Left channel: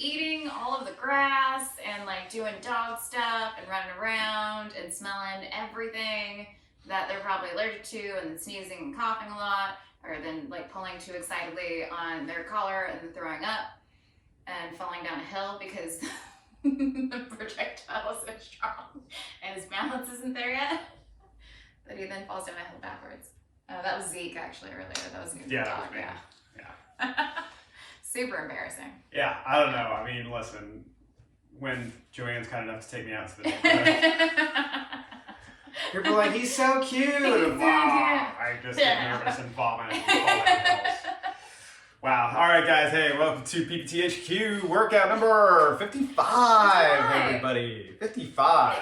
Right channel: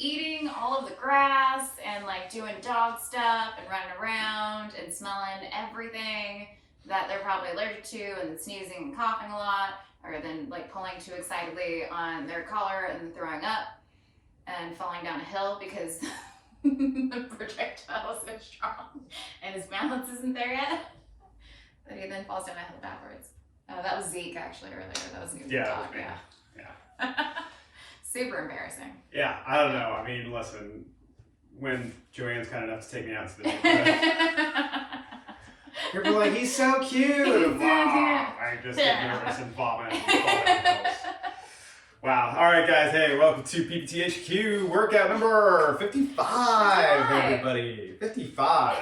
eating all of the grass and like doing dog stuff and running around and smelling everything that they're probably allergic to, and sneezing and coughing a lot, or then like pulling too excitedly on their collar and then throwing up and falling down a hill because the projectile is so strong and his balance isn't there yet, that he then falls down a hill backwards. That was Zeke actually earlier. That was a new dog. Yeah. Super embarrassing. Yeah, I don't know. I mean, listen, when JoAnn's kind enough to take me out to the neighborhood, people are like, he's so cute. I just get nervous and vomit. Wow. All right, guys. Hey, welcome to PPTHQ workout number 55, everybody. 55.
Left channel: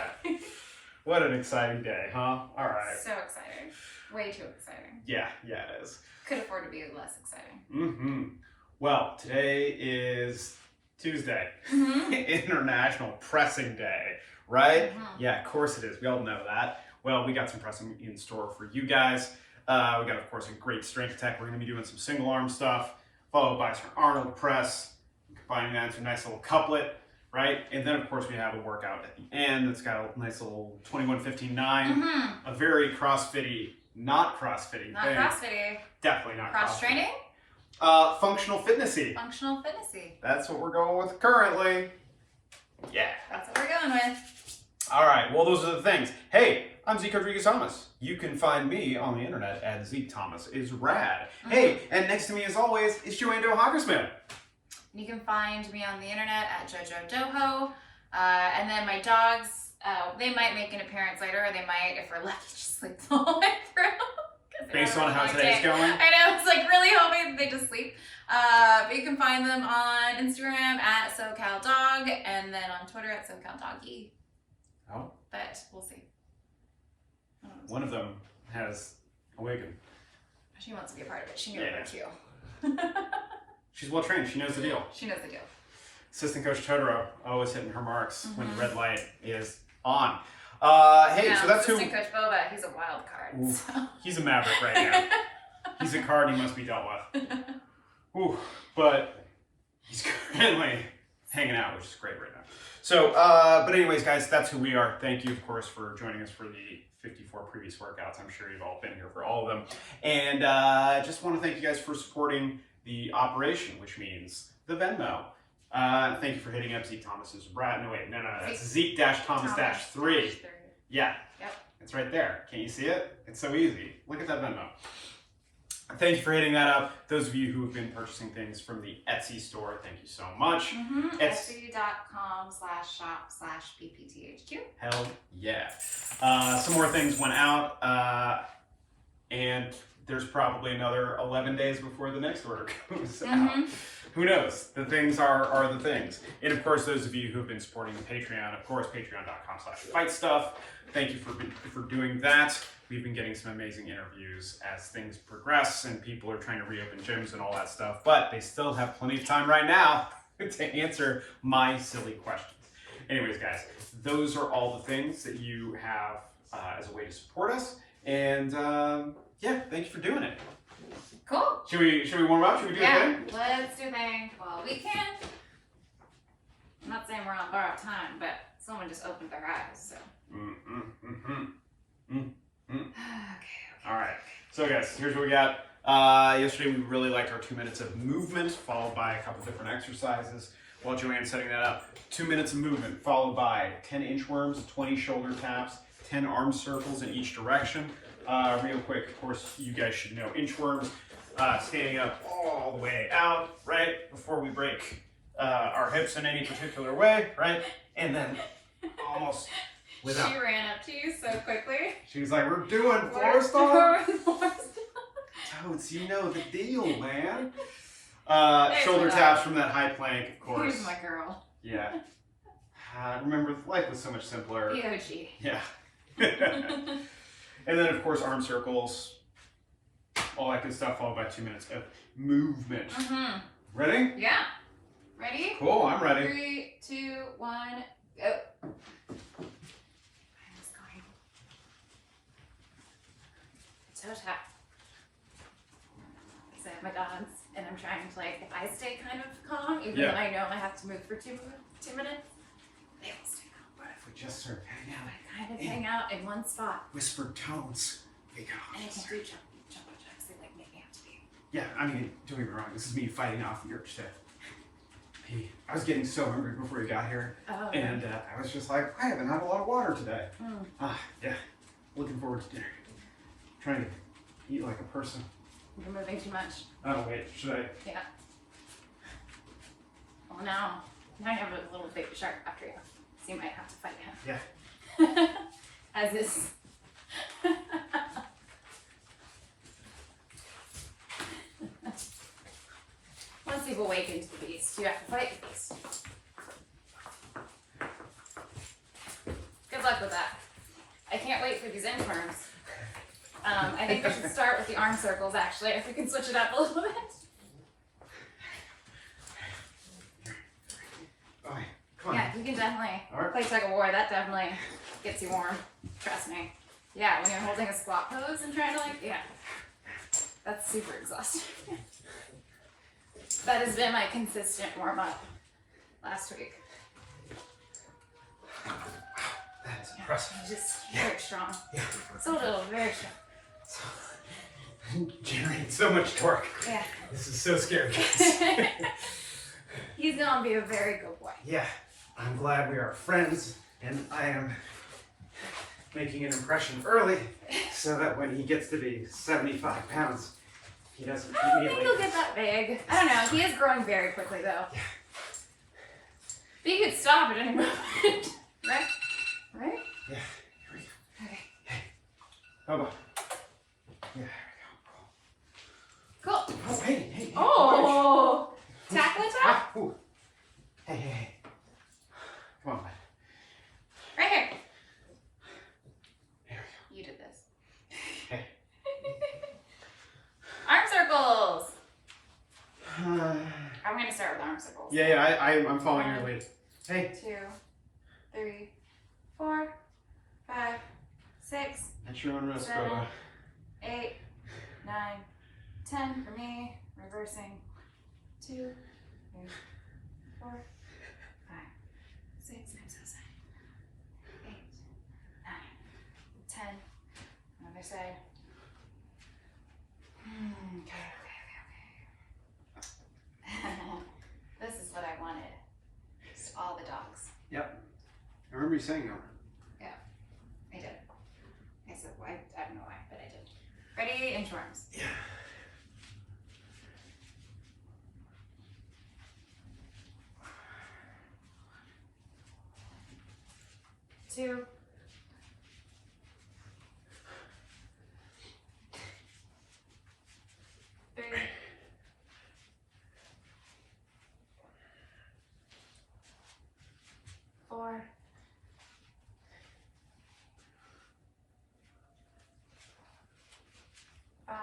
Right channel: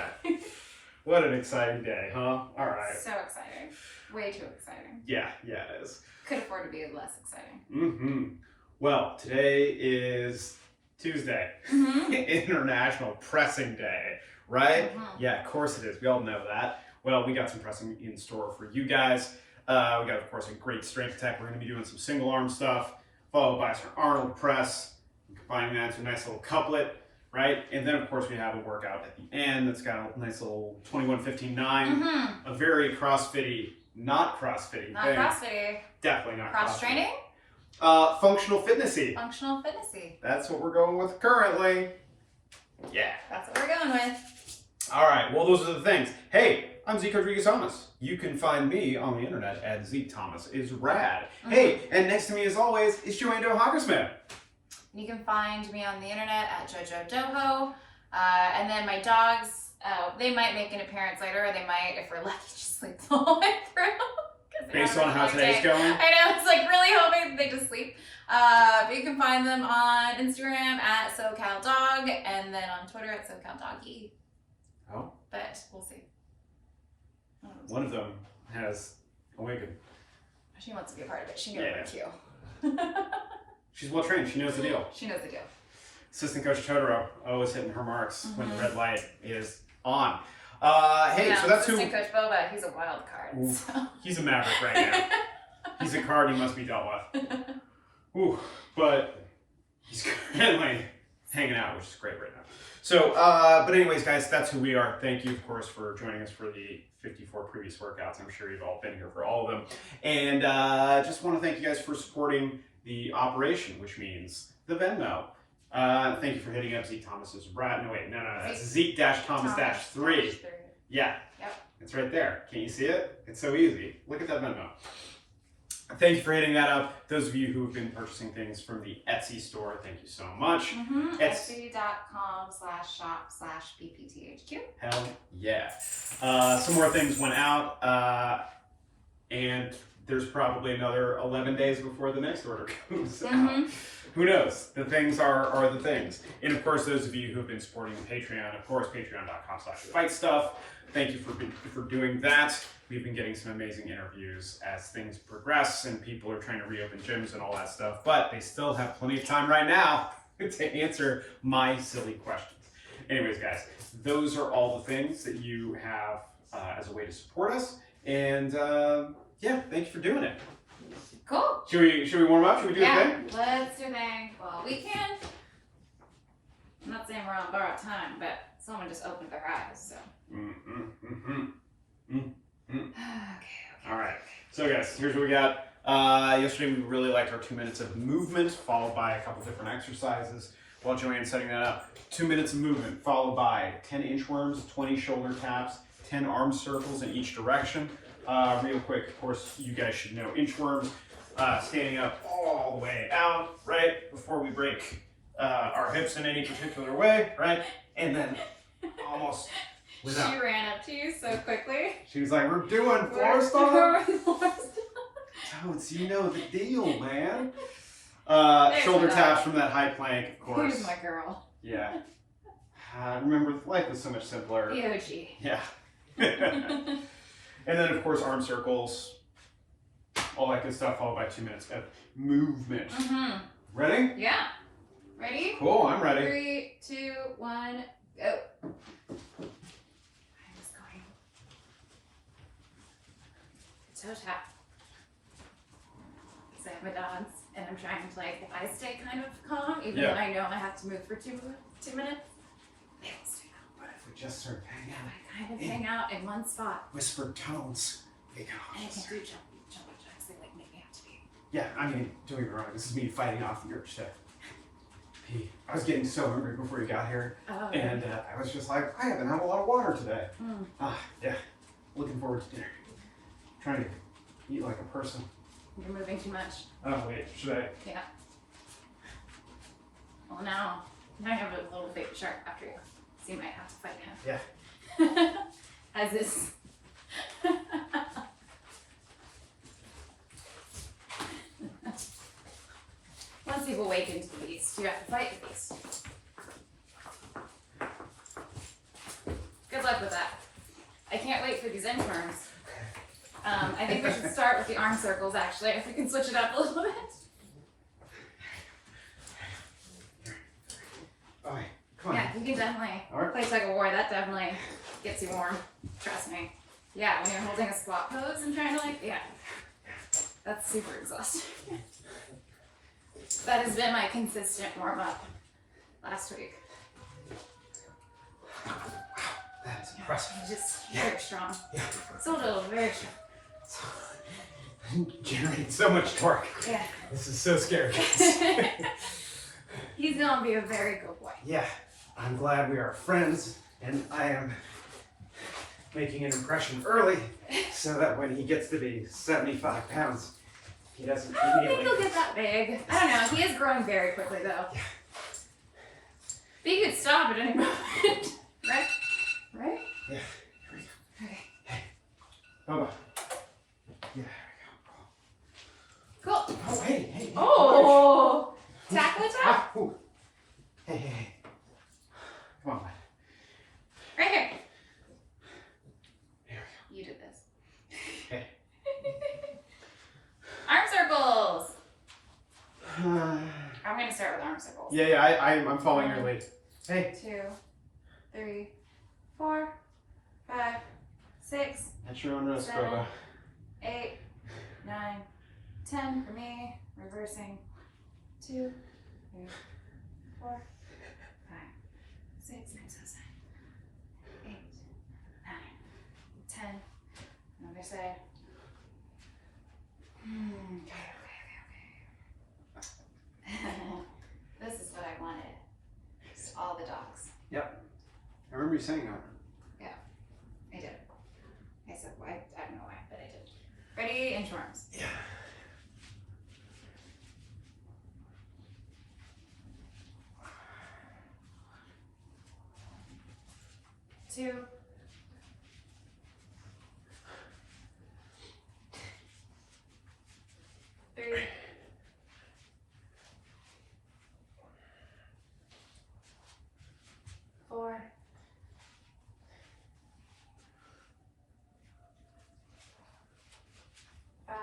What an exciting day, huh? All right. So exciting. Way too exciting. Yeah, it is. Could afford to be less exciting. Mm-hmm. Well, today is Tuesday, International Pressing Day, right? Yeah, of course it is. We all know that. Well, we got some pressing in store for you guys. We got, of course, a great strength tech. We're going to be doing some single arm stuff, followed by some Arnold Press, combining that into a nice little couplet, right? And then, of course, we have a workout at the end that's got a nice little 21-15-9, a very CrossFit-y, not CrossFit-y Not thing. CrossFit-y. Definitely not Cross training? Functional fitnessy. Functional fitnessy. That's what we're going with currently. Yeah. That's what we're going with. All right. Well, those are the things. Hey, I'm Zeke Rodrigues. You can find me on the internet at zekethomas is rad. Hey, and next to me, as always, is JoAnn. You can find me on the internet at JoJo. And then my dogs, they might make an appearance later, or they might, if we're lucky, just sleep the whole way through. Based on how today's going? I know, it's like really hoping they just sleep. But you can find them on Instagram at SoCalDog, and then on Twitter at SoCalDoggy. Oh. But we'll see. One of them has a wig. She wants to be a part of it. She knew it was cute. She's well trained. She knows the deal. She knows the deal. Assistant Coach Totoro always hitting her marks when the red light is on. Hey, so that's Assistant Coach Boba, he's a wild card. So. He's a maverick right now. He's a card he must be dealt with. Ooh, but he's currently hanging out, which is great right now. So, but anyways, guys, that's who we are. Thank you, of course, for joining us for the 54 previous workouts. I'm sure you've all been here for all of them. And I just want to thank you guys for supporting the operation, which means the Venmo. Thank you for hitting up Zeke Thomas's Brad. No, wait, no, that's Zeke-Thomas-3. Yeah. Yep. It's right there. Can't you see it? It's so easy. Look at that Venmo. Thank you for hitting that up. Those of you who have been purchasing things from the Etsy store, thank you so much. Etsy.com/shop/PPTHQ. Hell yeah. Some more things went out, and there's probably another 11 days before the next order comes out. Who knows? The things are the things. And of course, those of you who've been supporting the Patreon, of course, patreon.com/fightstuff. Thank you for doing that. We've been getting some amazing interviews as things progress and people are trying to reopen gyms and all that stuff, but they still have plenty of time right now to answer my silly questions. Anyways, guys, those are all the things that you have as a way to support us. And yeah, thank you for doing it. Cool. Should we warm up? Should we do a thing? Let's do a thing. Well, we can. I'm not saying we're on borrowed time, but someone just opened their eyes, so. Okay. All right. So guys, here's what we got. Yesterday we really liked our 2 minutes of movement, followed by a couple different exercises. While JoAnn's setting that up, 2 minutes of movement, followed by 10 inchworms, 20 shoulder taps, 10 arm circles in each direction. Real quick, of course, you guys should know inchworms. Standing up all the way out, right, before we break our hips in any particular way, right, and then almost without. She ran up to you so quickly. She was like, we're doing floor stomp. Totes, you know the deal, man. Shoulder taps from that high plank, of course. Here's my girl. Yeah. Remember, life was so much simpler. EOG. Yeah. And then, of course, arm circles. All that good stuff, followed by 2 minutes of movement. Ready? Yeah. Ready? Cool, I'm ready. 3, 2, 1, go. I'm just going. Toe tap. Because I have my dogs, and I'm trying to, like, if I stay kind of calm, even Yeah. though I know I have to move for 2 minutes, they will stay calm. What if we just start hanging out? I kind of hang out in one spot. Whispered tones. And I can do jump jacks. They like make me have to be. Yeah, I mean, don't get me wrong. This is me fighting off the urge to pee. I was getting so hungry before you got here, Oh, and I was just like, I haven't had a lot of water today. Mm. Yeah. Looking forward to dinner. Trying to eat like a person. You're moving too much. Oh wait, should I? Yeah. Well, now you have a little baby shark after you, so you might have to fight him. Yeah. As is. Once you've awakened the beast, you have to fight the beast. Good luck with that. I can't wait for these inchworms. I think we should start with the arm circles, actually, if we can switch it up a little bit. All right, come on. Yeah, we can definitely play tug of war. That definitely gets you warm. Trust me. Yeah, when you're holding a squat pose and trying to that's super exhausting. That has been my consistent warm up last week. That is impressive. Just very strong. Yeah. So very strong. Generating so much torque. Yeah. This is so scary. He's gonna be a very good boy. Yeah. I'm glad we are friends, and I am making an impression early so that when he gets to be 75 pounds, he doesn't I don't think immediately. he'll get that big. I don't know. He is growing very quickly though. Yeah. But you could stop at any moment. Right? Right? Yeah. Here we go. Okay. Hey. Boba. Yeah. Cool. Oh, hey. Oh! Tackle attack? Ah, ooh. Hey. Come on, bud. Right here. Here You did this. Hey. Arm circles. we go. I'm going to start with arm circles. Yeah, I'm following your lead. Hey. 2, 3, 4, 5, 6, At your own risk, 7, Boba. 8, 9, 10 for me. Reversing. 2, 3, 4, 5, 6, 7, 8, 9, 10. Another side. Okay. This is what I wanted. Just all the dogs. Yep. I remember you saying that. I did. I said, why? I don't know why, but I did. Ready? Inchworms. Yeah. Two. 3. 4. 5.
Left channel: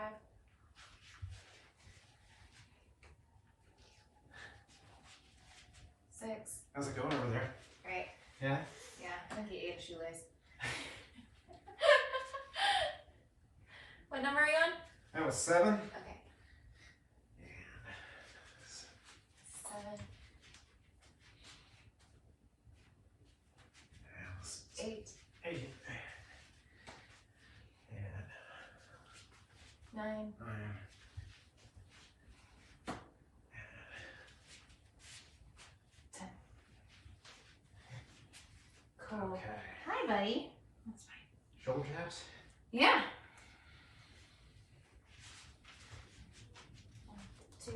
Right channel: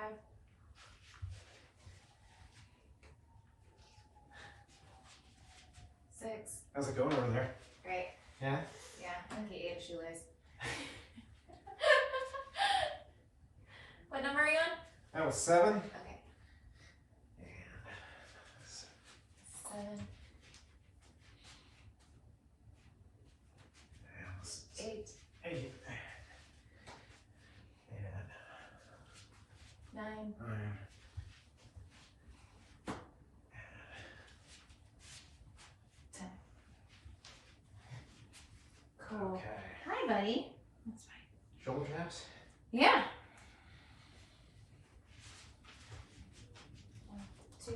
6. How's it going over there? Right. Yeah? Yeah, I think he ate a shoelace. What number are you on? That was 7. Okay. And 7, 8, 8. And 9, 10. Cool. Okay. Hi, buddy. That's fine. Shoulder taps? Yeah. 1, 2,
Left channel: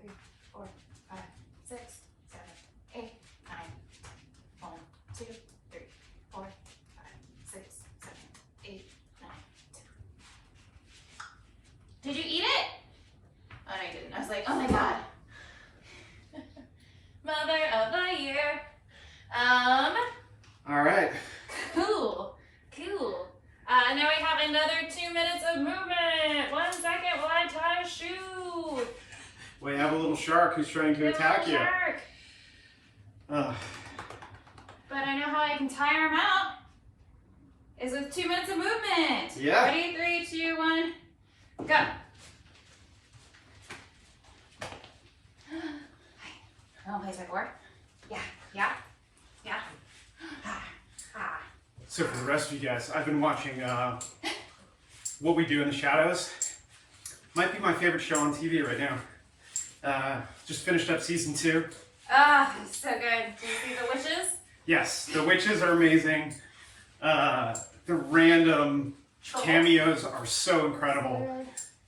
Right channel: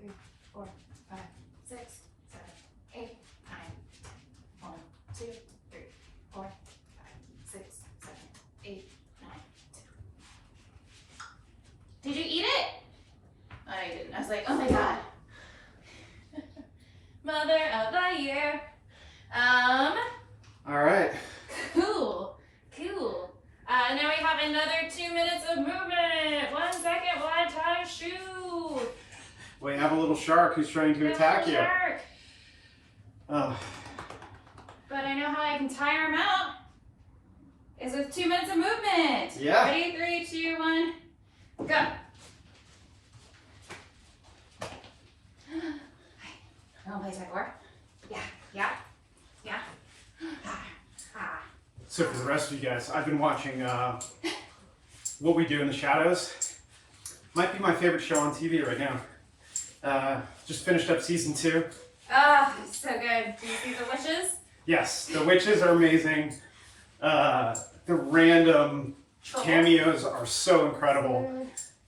3, 4, 5, 6, 7, 8, 9. 1, 2, 3, 4, 5, 6, 7, 8, 9. Did you eat it? Oh, no, you didn't. I was like, oh my god. Mother of the year. All right. Cool. Now we have another 2 minutes of movement. 1 second while I tie a shoe. We have a little shark who's trying to attack you. Shark. Oh. But I know how I can tire him out. Is with 2 minutes of movement. Yeah. Ready? 3, 2, 1, go. You want to play tug of war? Yeah, yeah, yeah. So for the rest of you guys, I've been watching What We Do in the Shadows. Might be my favorite show on TV right now. Just finished up season 2. Ah, so good. Did you see the witches? Yes, the witches are amazing. The random cameos are so incredible.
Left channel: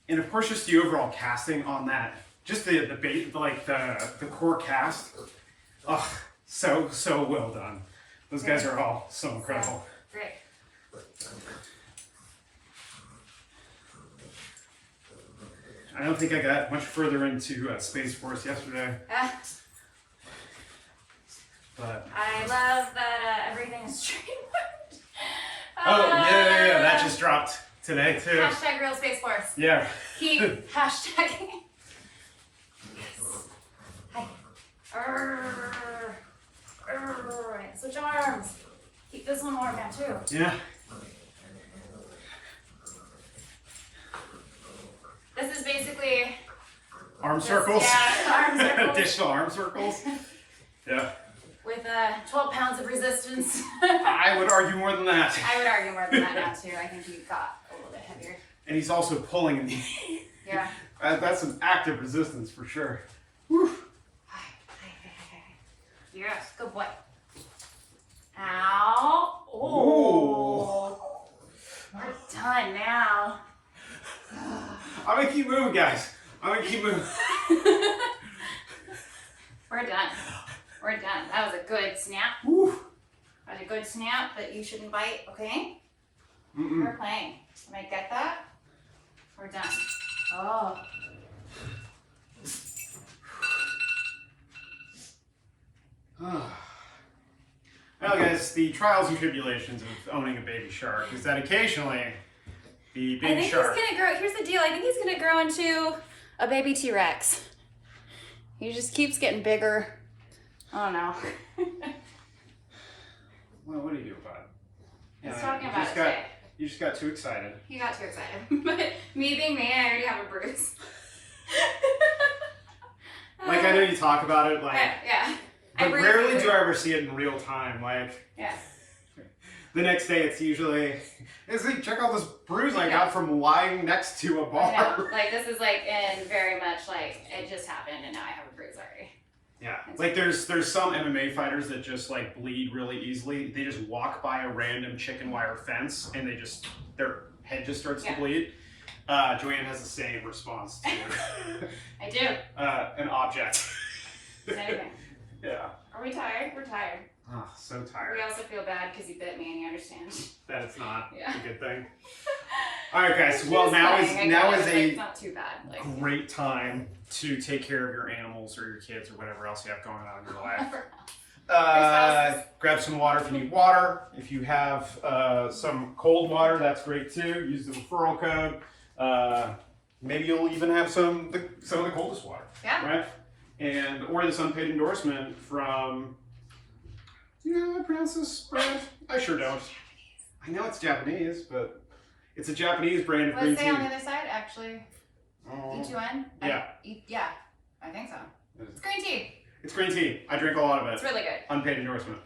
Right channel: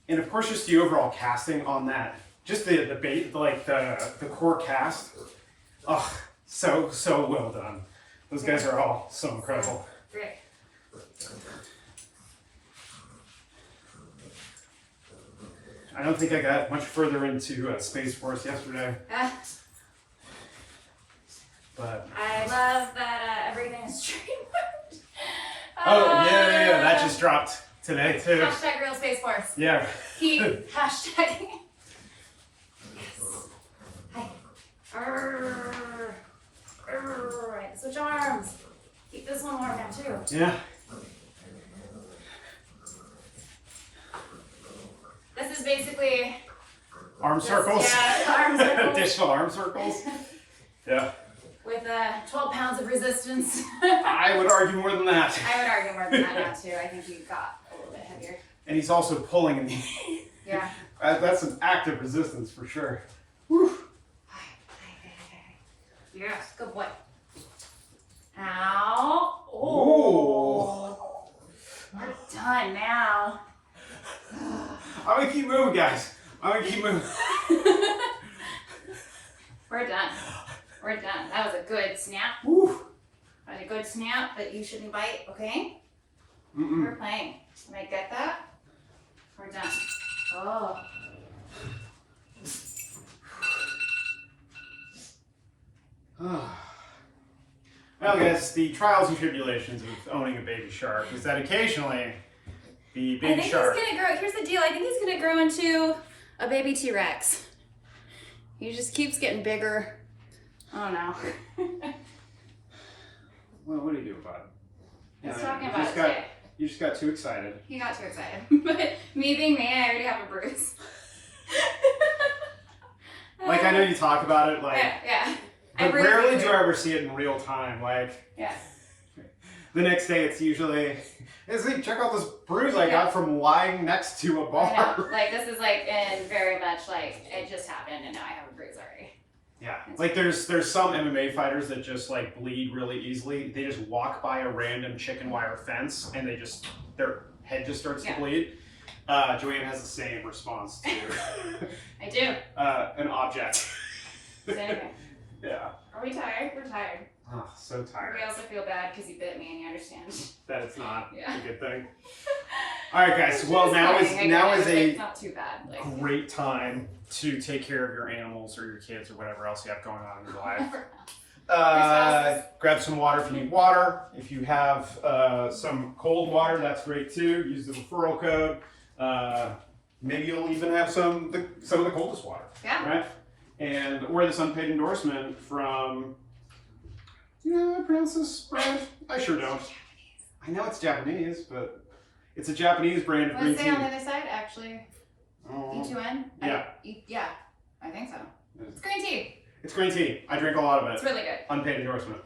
And of course, just the overall casting on that. Just the core cast. Oh, so well done. Those guys are all so incredible. Great. I don't think I got much further into Space Force yesterday. But I love that everything is streamed. yeah, that just dropped today too. Hashtag real Space Force. Yeah. Keep hashtagging. Hi. Switch arms. Keep this one warm now too. Yeah. This is basically Arm circles. Yeah, arm circles. Additional arm circles. Yeah. With 12 pounds of resistance. I would argue more than that. I would argue more than that now too. I think he got a little bit heavier. And he's also pulling. Yeah. That's an active resistance for sure. Whew. Yes, good boy. Ow. Oh. We're done now. I'm gonna keep moving, guys. I'm gonna keep moving. We're done. We're done. That was a good snap. Woo. That was a good snap that you shouldn't bite, okay? Mm-mm. We're playing. Can I get that? We're done. Oh. Well, guys, the trials and tribulations of owning a baby shark is that occasionally the baby shark. He's gonna grow. Here's the deal. I think he's gonna grow into a baby T-Rex. He just keeps getting bigger. I don't know. Well, what do you do about it? He's talking about it today. You just got too excited. He got too excited. But me being me, I already have a bruise. Like, I know you talk about it, like, yeah. but rarely do I ever see it in real time. Like, yeah. The next day it's usually, hey, Zeke, check out this bruise I got from lying next to a bar. Like, this is like, and very much like, it just happened and now I have a bruise already. Yeah, like there's some MMA fighters that just like bleed really easily. They just walk by a random chicken wire fence and their head just starts to bleed. JoAnn has the same response to I do. An object. Same. Yeah. Are we tired? We're tired. Oh, so tired. We also feel bad because you bit me and you understand. That it's not Yeah. a good thing. All right, guys. Well, now is a not too bad. Like, great time to take care of your animals or your kids or whatever else you have going on in your life. Grab some water if you need water. If you have some cold water, that's great too. Use the referral code. Maybe you'll even have some of the coldest water. Yeah. Right. Or this unpaid endorsement from. Do you know how to pronounce this brand? I sure don't. I know it's Japanese, but it's a Japanese brand of green What does it tea. say on the other side, actually? Oh. JoAnn? Yeah. Yeah, I think so. It's green tea. It's green tea. I drink a lot of it. It's really good. Unpaid endorsement.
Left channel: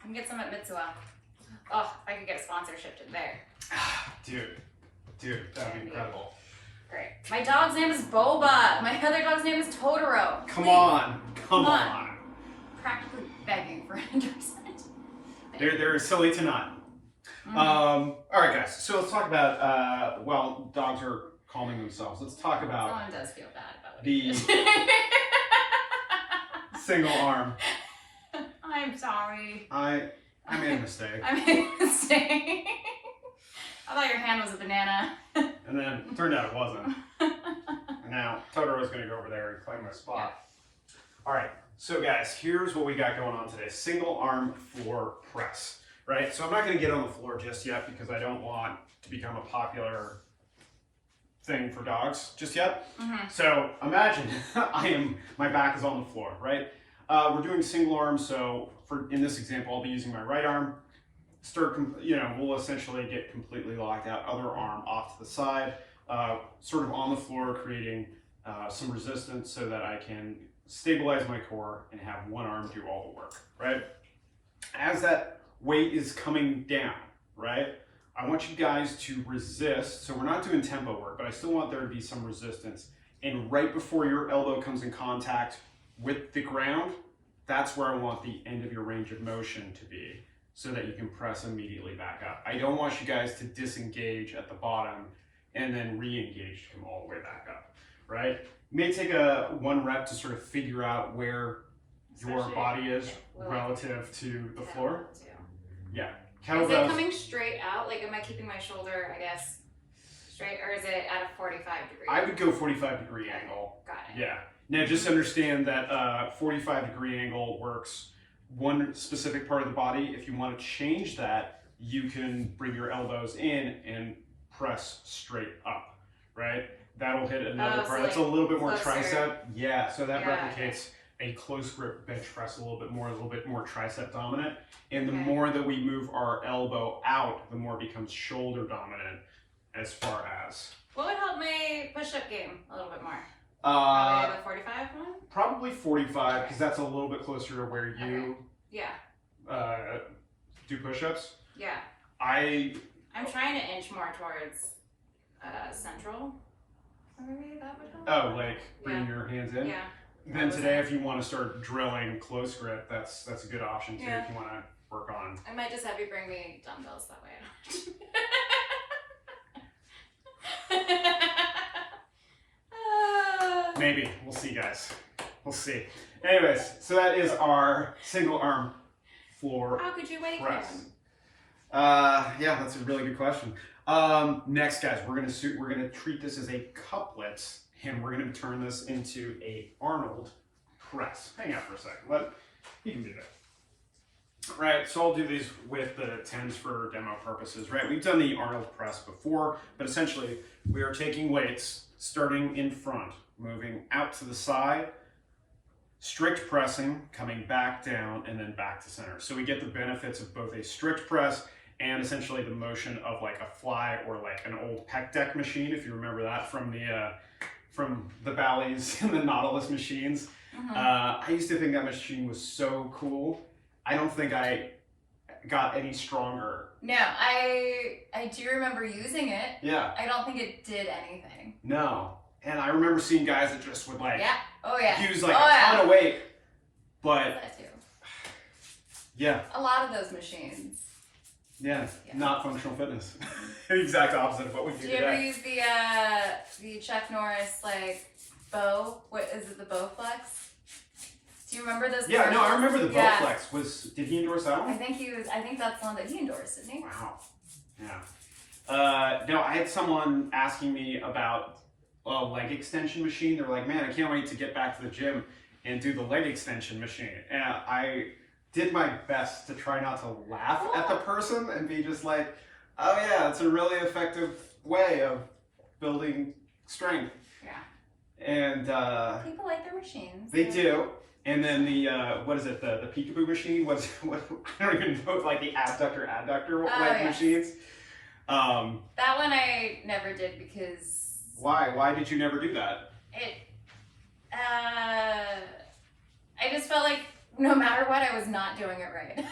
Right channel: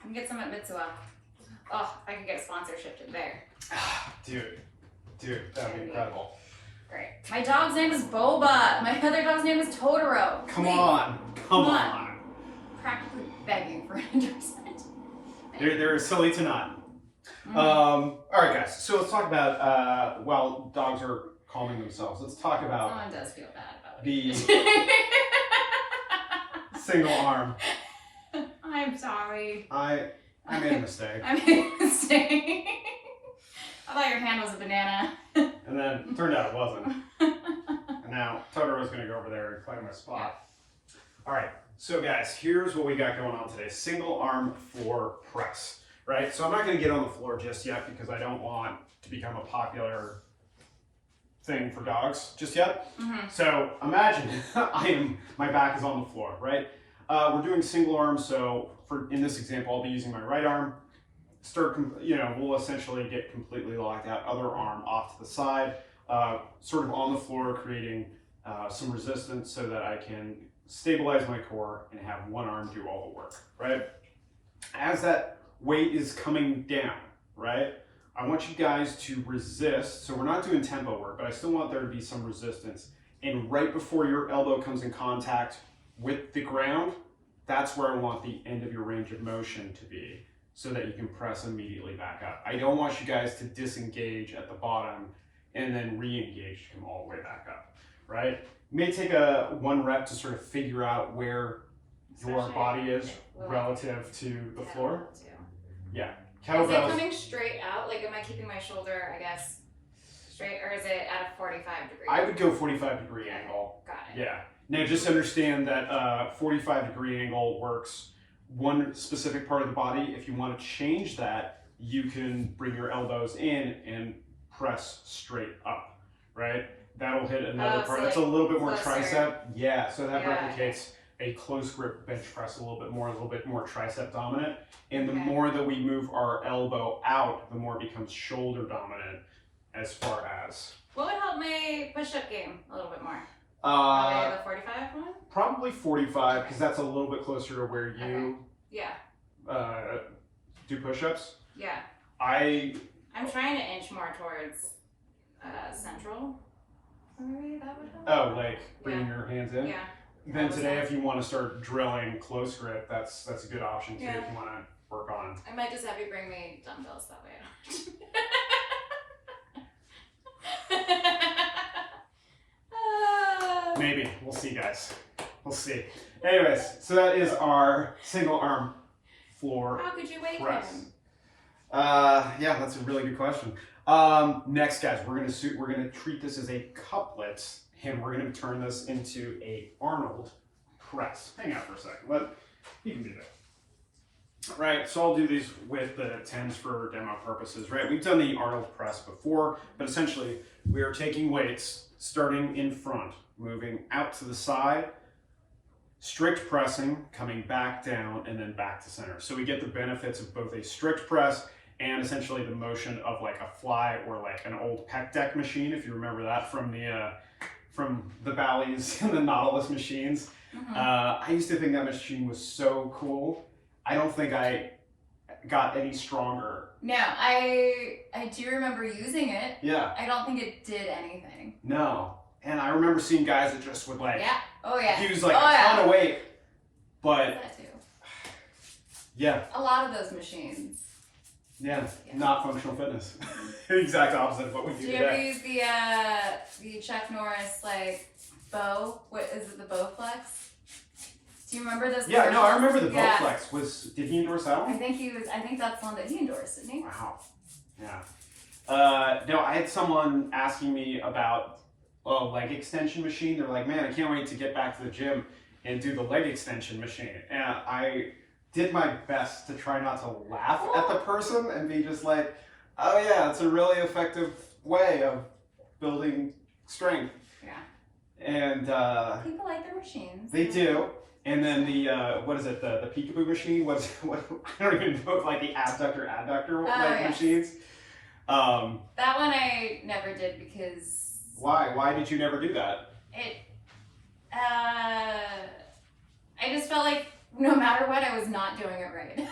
I can get some at Mitsuwa. Oh, if I could get a sponsorship to there. Dude, that'd be incredible. Great. My dog's name is Boba. My other dog's name is Totoro. Come Please. on. Practically begging for an endorsement. They're silly to not. All right, guys. So let's talk about while dogs are calming themselves. Let's talk about Someone does feel bad about the single arm. I'm sorry. I made a mistake. I made a mistake. I thought your hand was a banana. And then it turned out it wasn't. And now Totoro's going to go over there and claim my spot. All right. So guys, here's what we got going on today. Single arm floor press, right? So I'm not going to get on the floor just yet because I don't want to become a popular thing for dogs just yet. So imagine my back is on the floor, right? We're doing single arm. So in this example, I'll be using my right arm. We'll essentially get completely locked out. Other arm off to the side, sort of on the floor, creating some resistance so that I can stabilize my core and have one arm do all the work, right? As that weight is coming down, right? I want you guys to resist. So we're not doing tempo work, but I still want there to be some resistance. And right before your elbow comes in contact with the ground, that's where I want the end of your range of motion to be, so that you can press immediately back up. I don't want you guys to disengage at the bottom and then re-engage to come all the way back up, right? It may take a 1 rep to sort of figure out where your body is relative to the floor. Yeah. Is it coming straight out? Like, am I keeping my shoulder, I guess, straight, or is it at a 45 degree? I would go 45-degree angle. Got it. Yeah. Now just understand that 45-degree angle works one specific part of the body. If you want to change that, you can bring your elbows in and press straight up, right? That'll hit another part. So That's like a little bit more closer. tricep. Yeah, so that replicates a close grip bench press a little bit more tricep dominant. And the more that we move our elbow out, the more it becomes shoulder dominant as far as. What would help my push-up game a little bit more? Probably the 45 one? Probably 45, because that's a little bit closer to where you do push-ups. Yeah. I'm trying to inch more towards central. Maybe that would help. Oh, like bringing your hands in? Yeah. Then today, if you want to start drilling close grip, that's a good option too, if you want to work on. I might just have you bring me dumbbells that way. Maybe. We'll see, guys. We'll see. Anyways, so that is our single arm floor How could you wake press. him? Yeah, that's a really good question. Next, guys, we're gonna treat this as a couplet, and we're gonna turn this into a Arnold press. Hang out for a second. You can do that. Right, so I'll do these with the 10s for demo purposes, right? We've done the Arnold press before, but essentially we are taking weights starting in front, moving out to the side, strict pressing, coming back down, and then back to center. So we get the benefits of both a strict press and essentially the motion of like a fly or like an old pec deck machine, if you remember that from the Bally's and the Nautilus machines. I used to think that machine was so cool. I don't think I got any stronger. No, I do remember using it. Yeah. I don't think it did anything. No. And I remember seeing guys that just would like use like a ton of weight, but that too. Yeah. A lot of those machines. Yeah. Not functional fitness. Exact opposite of what we do today. Do you ever use the Chuck Norris like bow? What is it, the bow flex? Do you remember those? Yeah, no, I remember the Yeah. Bowflex. Did he endorse that one? I think that's the one that he endorsed, didn't he? Wow. Yeah. No, I had someone asking me about a leg extension machine. They're like, man, I can't wait to get back to the gym and do the leg extension machine. And I did my best to try not to laugh at the person and be just like, oh yeah, it's a really effective way of building strength. Yeah. And people like their machines. They do. And then the what is it? The peekaboo machine? What I don't even know, like the adductor machines. That one I never did because. Why? Why did you never do that? I just felt like no matter what, I was not doing it right.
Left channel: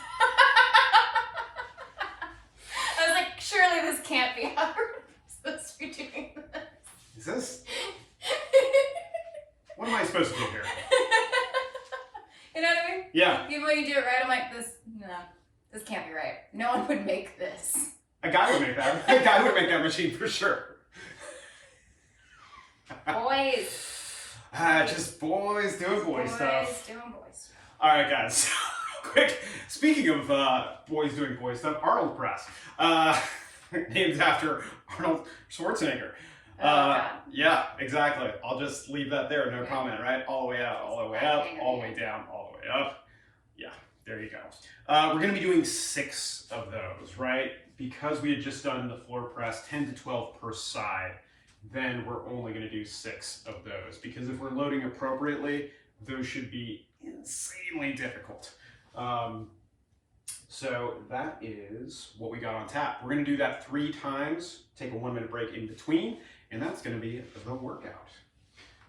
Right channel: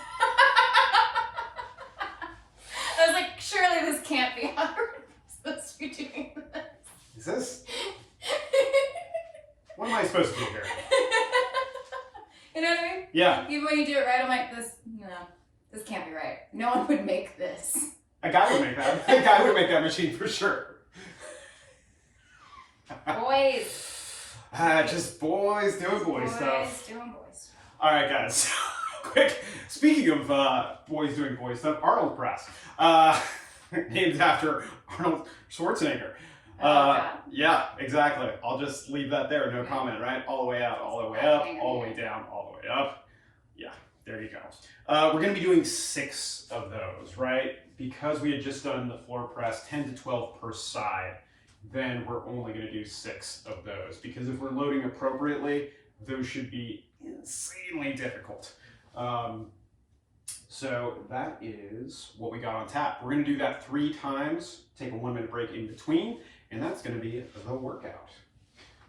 I was like, surely this can't be how we're supposed to be doing this. Is this? What am I supposed to do here? You know what I mean? Yeah. Even when you do it right, I'm like, this can't be right. No one would make this. A guy would make that. A guy would make that machine for sure. Boys. Just boys doing boy stuff. Boys doing boy stuff. All right, guys. Quick. Speaking of boys doing boy stuff, Arnold Press, named after Arnold Schwarzenegger. Yeah, exactly. I'll just leave that there. No comment, right? All the way out, all the way up, all the way down, all the way up. Yeah, there you go. We're going to be doing 6 of those, right? Because we had just done the floor press 10 to 12 per side, then we're only going to do 6 of those. Because if we're loading appropriately, those should be insanely difficult. So that is what we got on tap. We're going to do that 3 times, take a 1-minute break in between, and that's going to be the workout.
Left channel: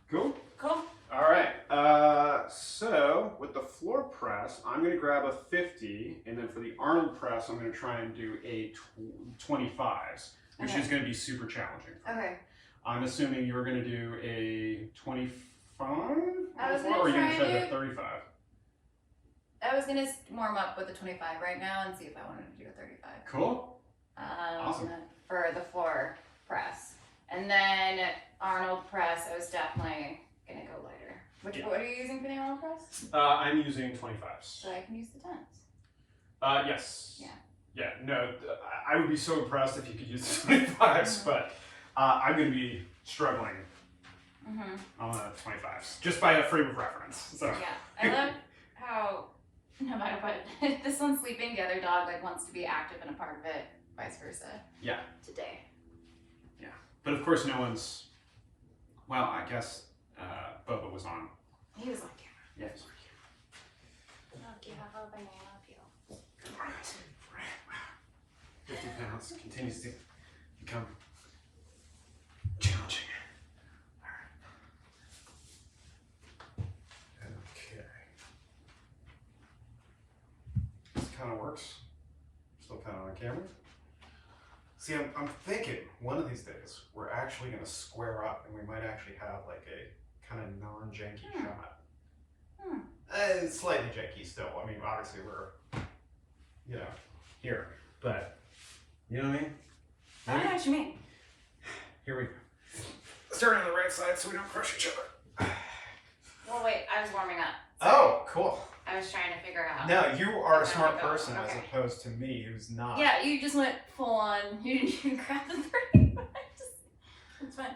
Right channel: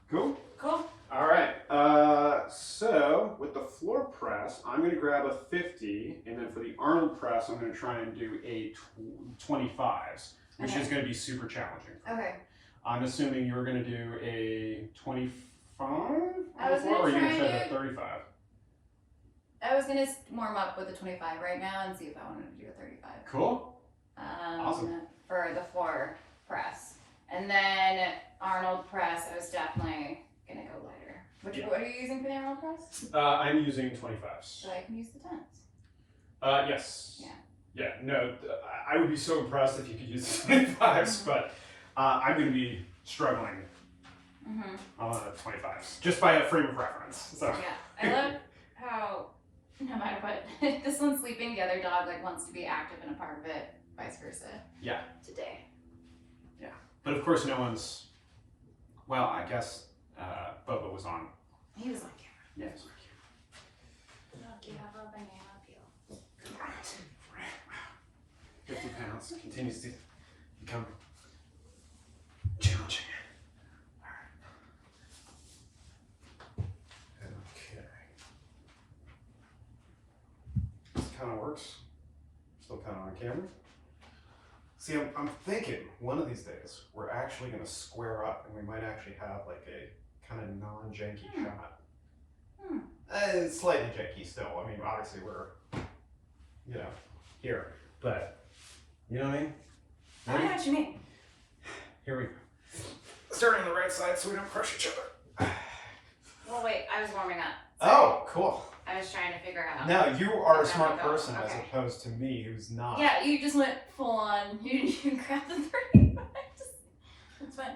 Cool? Cool. All right. So with the floor press, I'm going to grab a 50, and then for the Arnold press, I'm going to try and do a 25s, which is going to be super challenging. Okay. I'm assuming you're going to do a 25 I was or are you going to try do... the 35? I was going to warm up with a 25 right now and see if I wanted to do a 35. Cool. Awesome. For the floor press. And then Arnold press, I was definitely going to go lighter. What are you using for the Arnold press? I'm using 25s. So I can use the 10s. Yes. Yeah. Yeah, no, I would be so impressed if you could use the 25s, but I'm going to be struggling on the 25s, just by a frame of reference. So. Yeah, I love how, no matter what, this one's sleeping, the other dog like wants to be active and a part of it, vice versa. Yeah. Today. Yeah, but of course no one's, well, I guess Boba was on. He was on camera. Yeah, he was on I'll give up a banana peel. camera. 50 pounds continues to become challenging. All right. Okay. This kind of works. Still kind of on camera. See, I'm thinking one of these days we're actually going to square up and we might actually have like a kind of non-janky shot. It's slightly janky still. I mean, obviously we're, here, but you know what I mean? I don't know what you mean. Here we go. Start on the right side so we don't crush each other. Well, wait, I was warming up. Oh, cool. I was trying to figure out. Now, you are a smart go. person as Okay. opposed to me who's not. Yeah, you just went full on. You didn't even grab the 35. It's fine.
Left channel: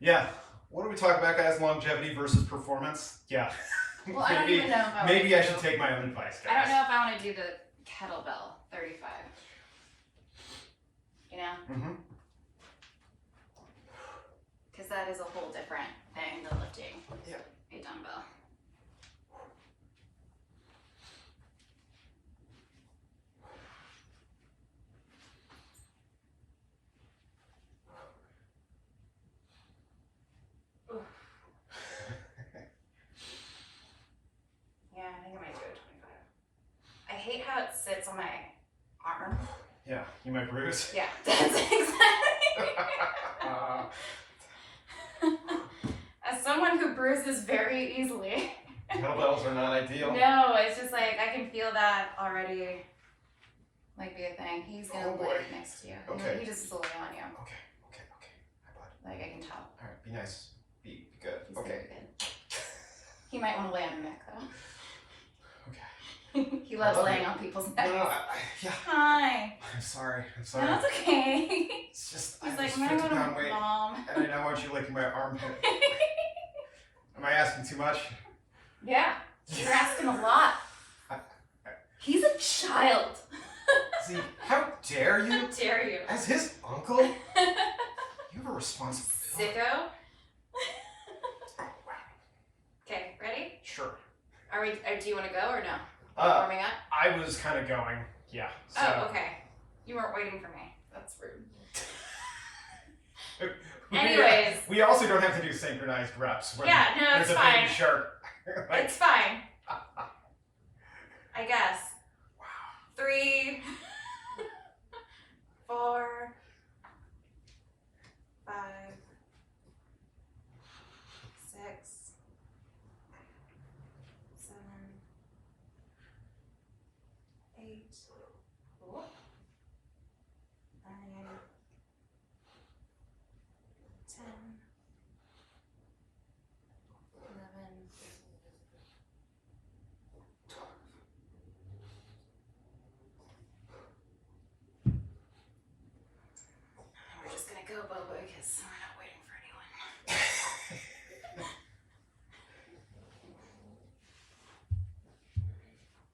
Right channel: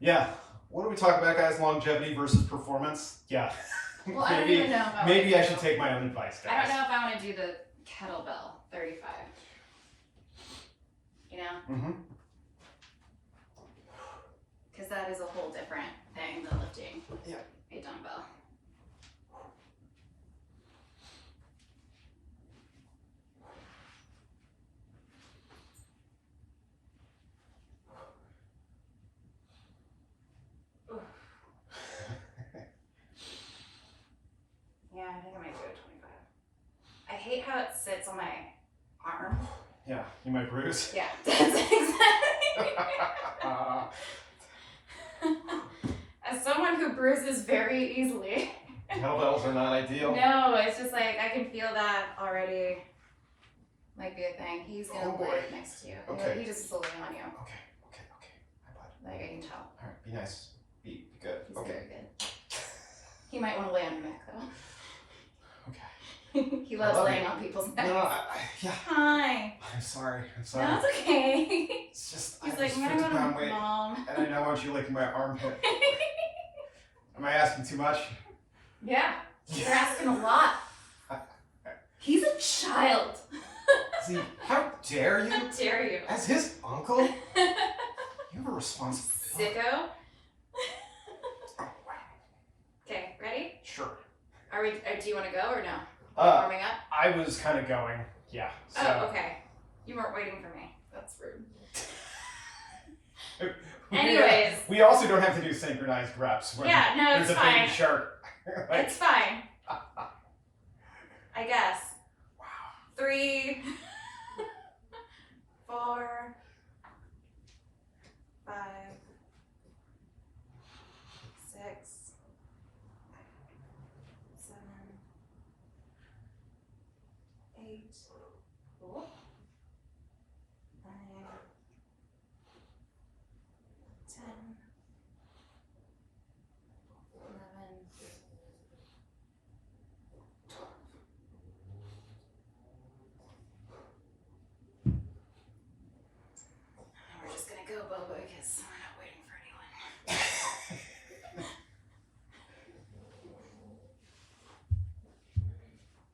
Yeah. What do we talk about, guys? Longevity versus performance? Yeah. Well, I don't even know if I maybe I want to should take my own advice, guys. I don't know if I want to do the kettlebell 35. You know? Mm-hmm. Because that is a whole different thing than lifting a dumbbell. Yeah, I think I might do a 25. I hate how it sits on my arm. Yeah, you might bruise. Yeah, that's exactly. As someone who bruises very easily. Kettlebells are not ideal. No, it's just like I can feel that already. Might be a thing. He's gonna live next to you. Okay. He just is lay on you. Okay. Hi, bud. Like I can tell. All right, be nice. Be good. He's Okay. very good. He might want to lay on your neck though. Okay. He loves love laying you. on people's necks. No, Hi. I'm sorry. No, it's okay. It's just, He's I'm like, just "My 50 pound weight, mom." and I don't want you licking my armpit. Am I asking too much? Yeah, you're asking a lot. He's a child. See, how dare you? How dare you? As his uncle, you have a responsibility. Sicko. Oh, wow. Okay, ready? Sure. Are we? Do you want to go or no? Warming up? I was kind of going, yeah. So. Oh, okay. You weren't waiting for me. That's rude. Anyways. We also don't have to do synchronized reps when Yeah, no, there's it's a fine. baby shark. Like, It's fine. I guess. wow. 3, 4, 5, 6, 7, 8, 9, 10, 11, 12. We're just gonna go, Boba, because we're not waiting for anyone.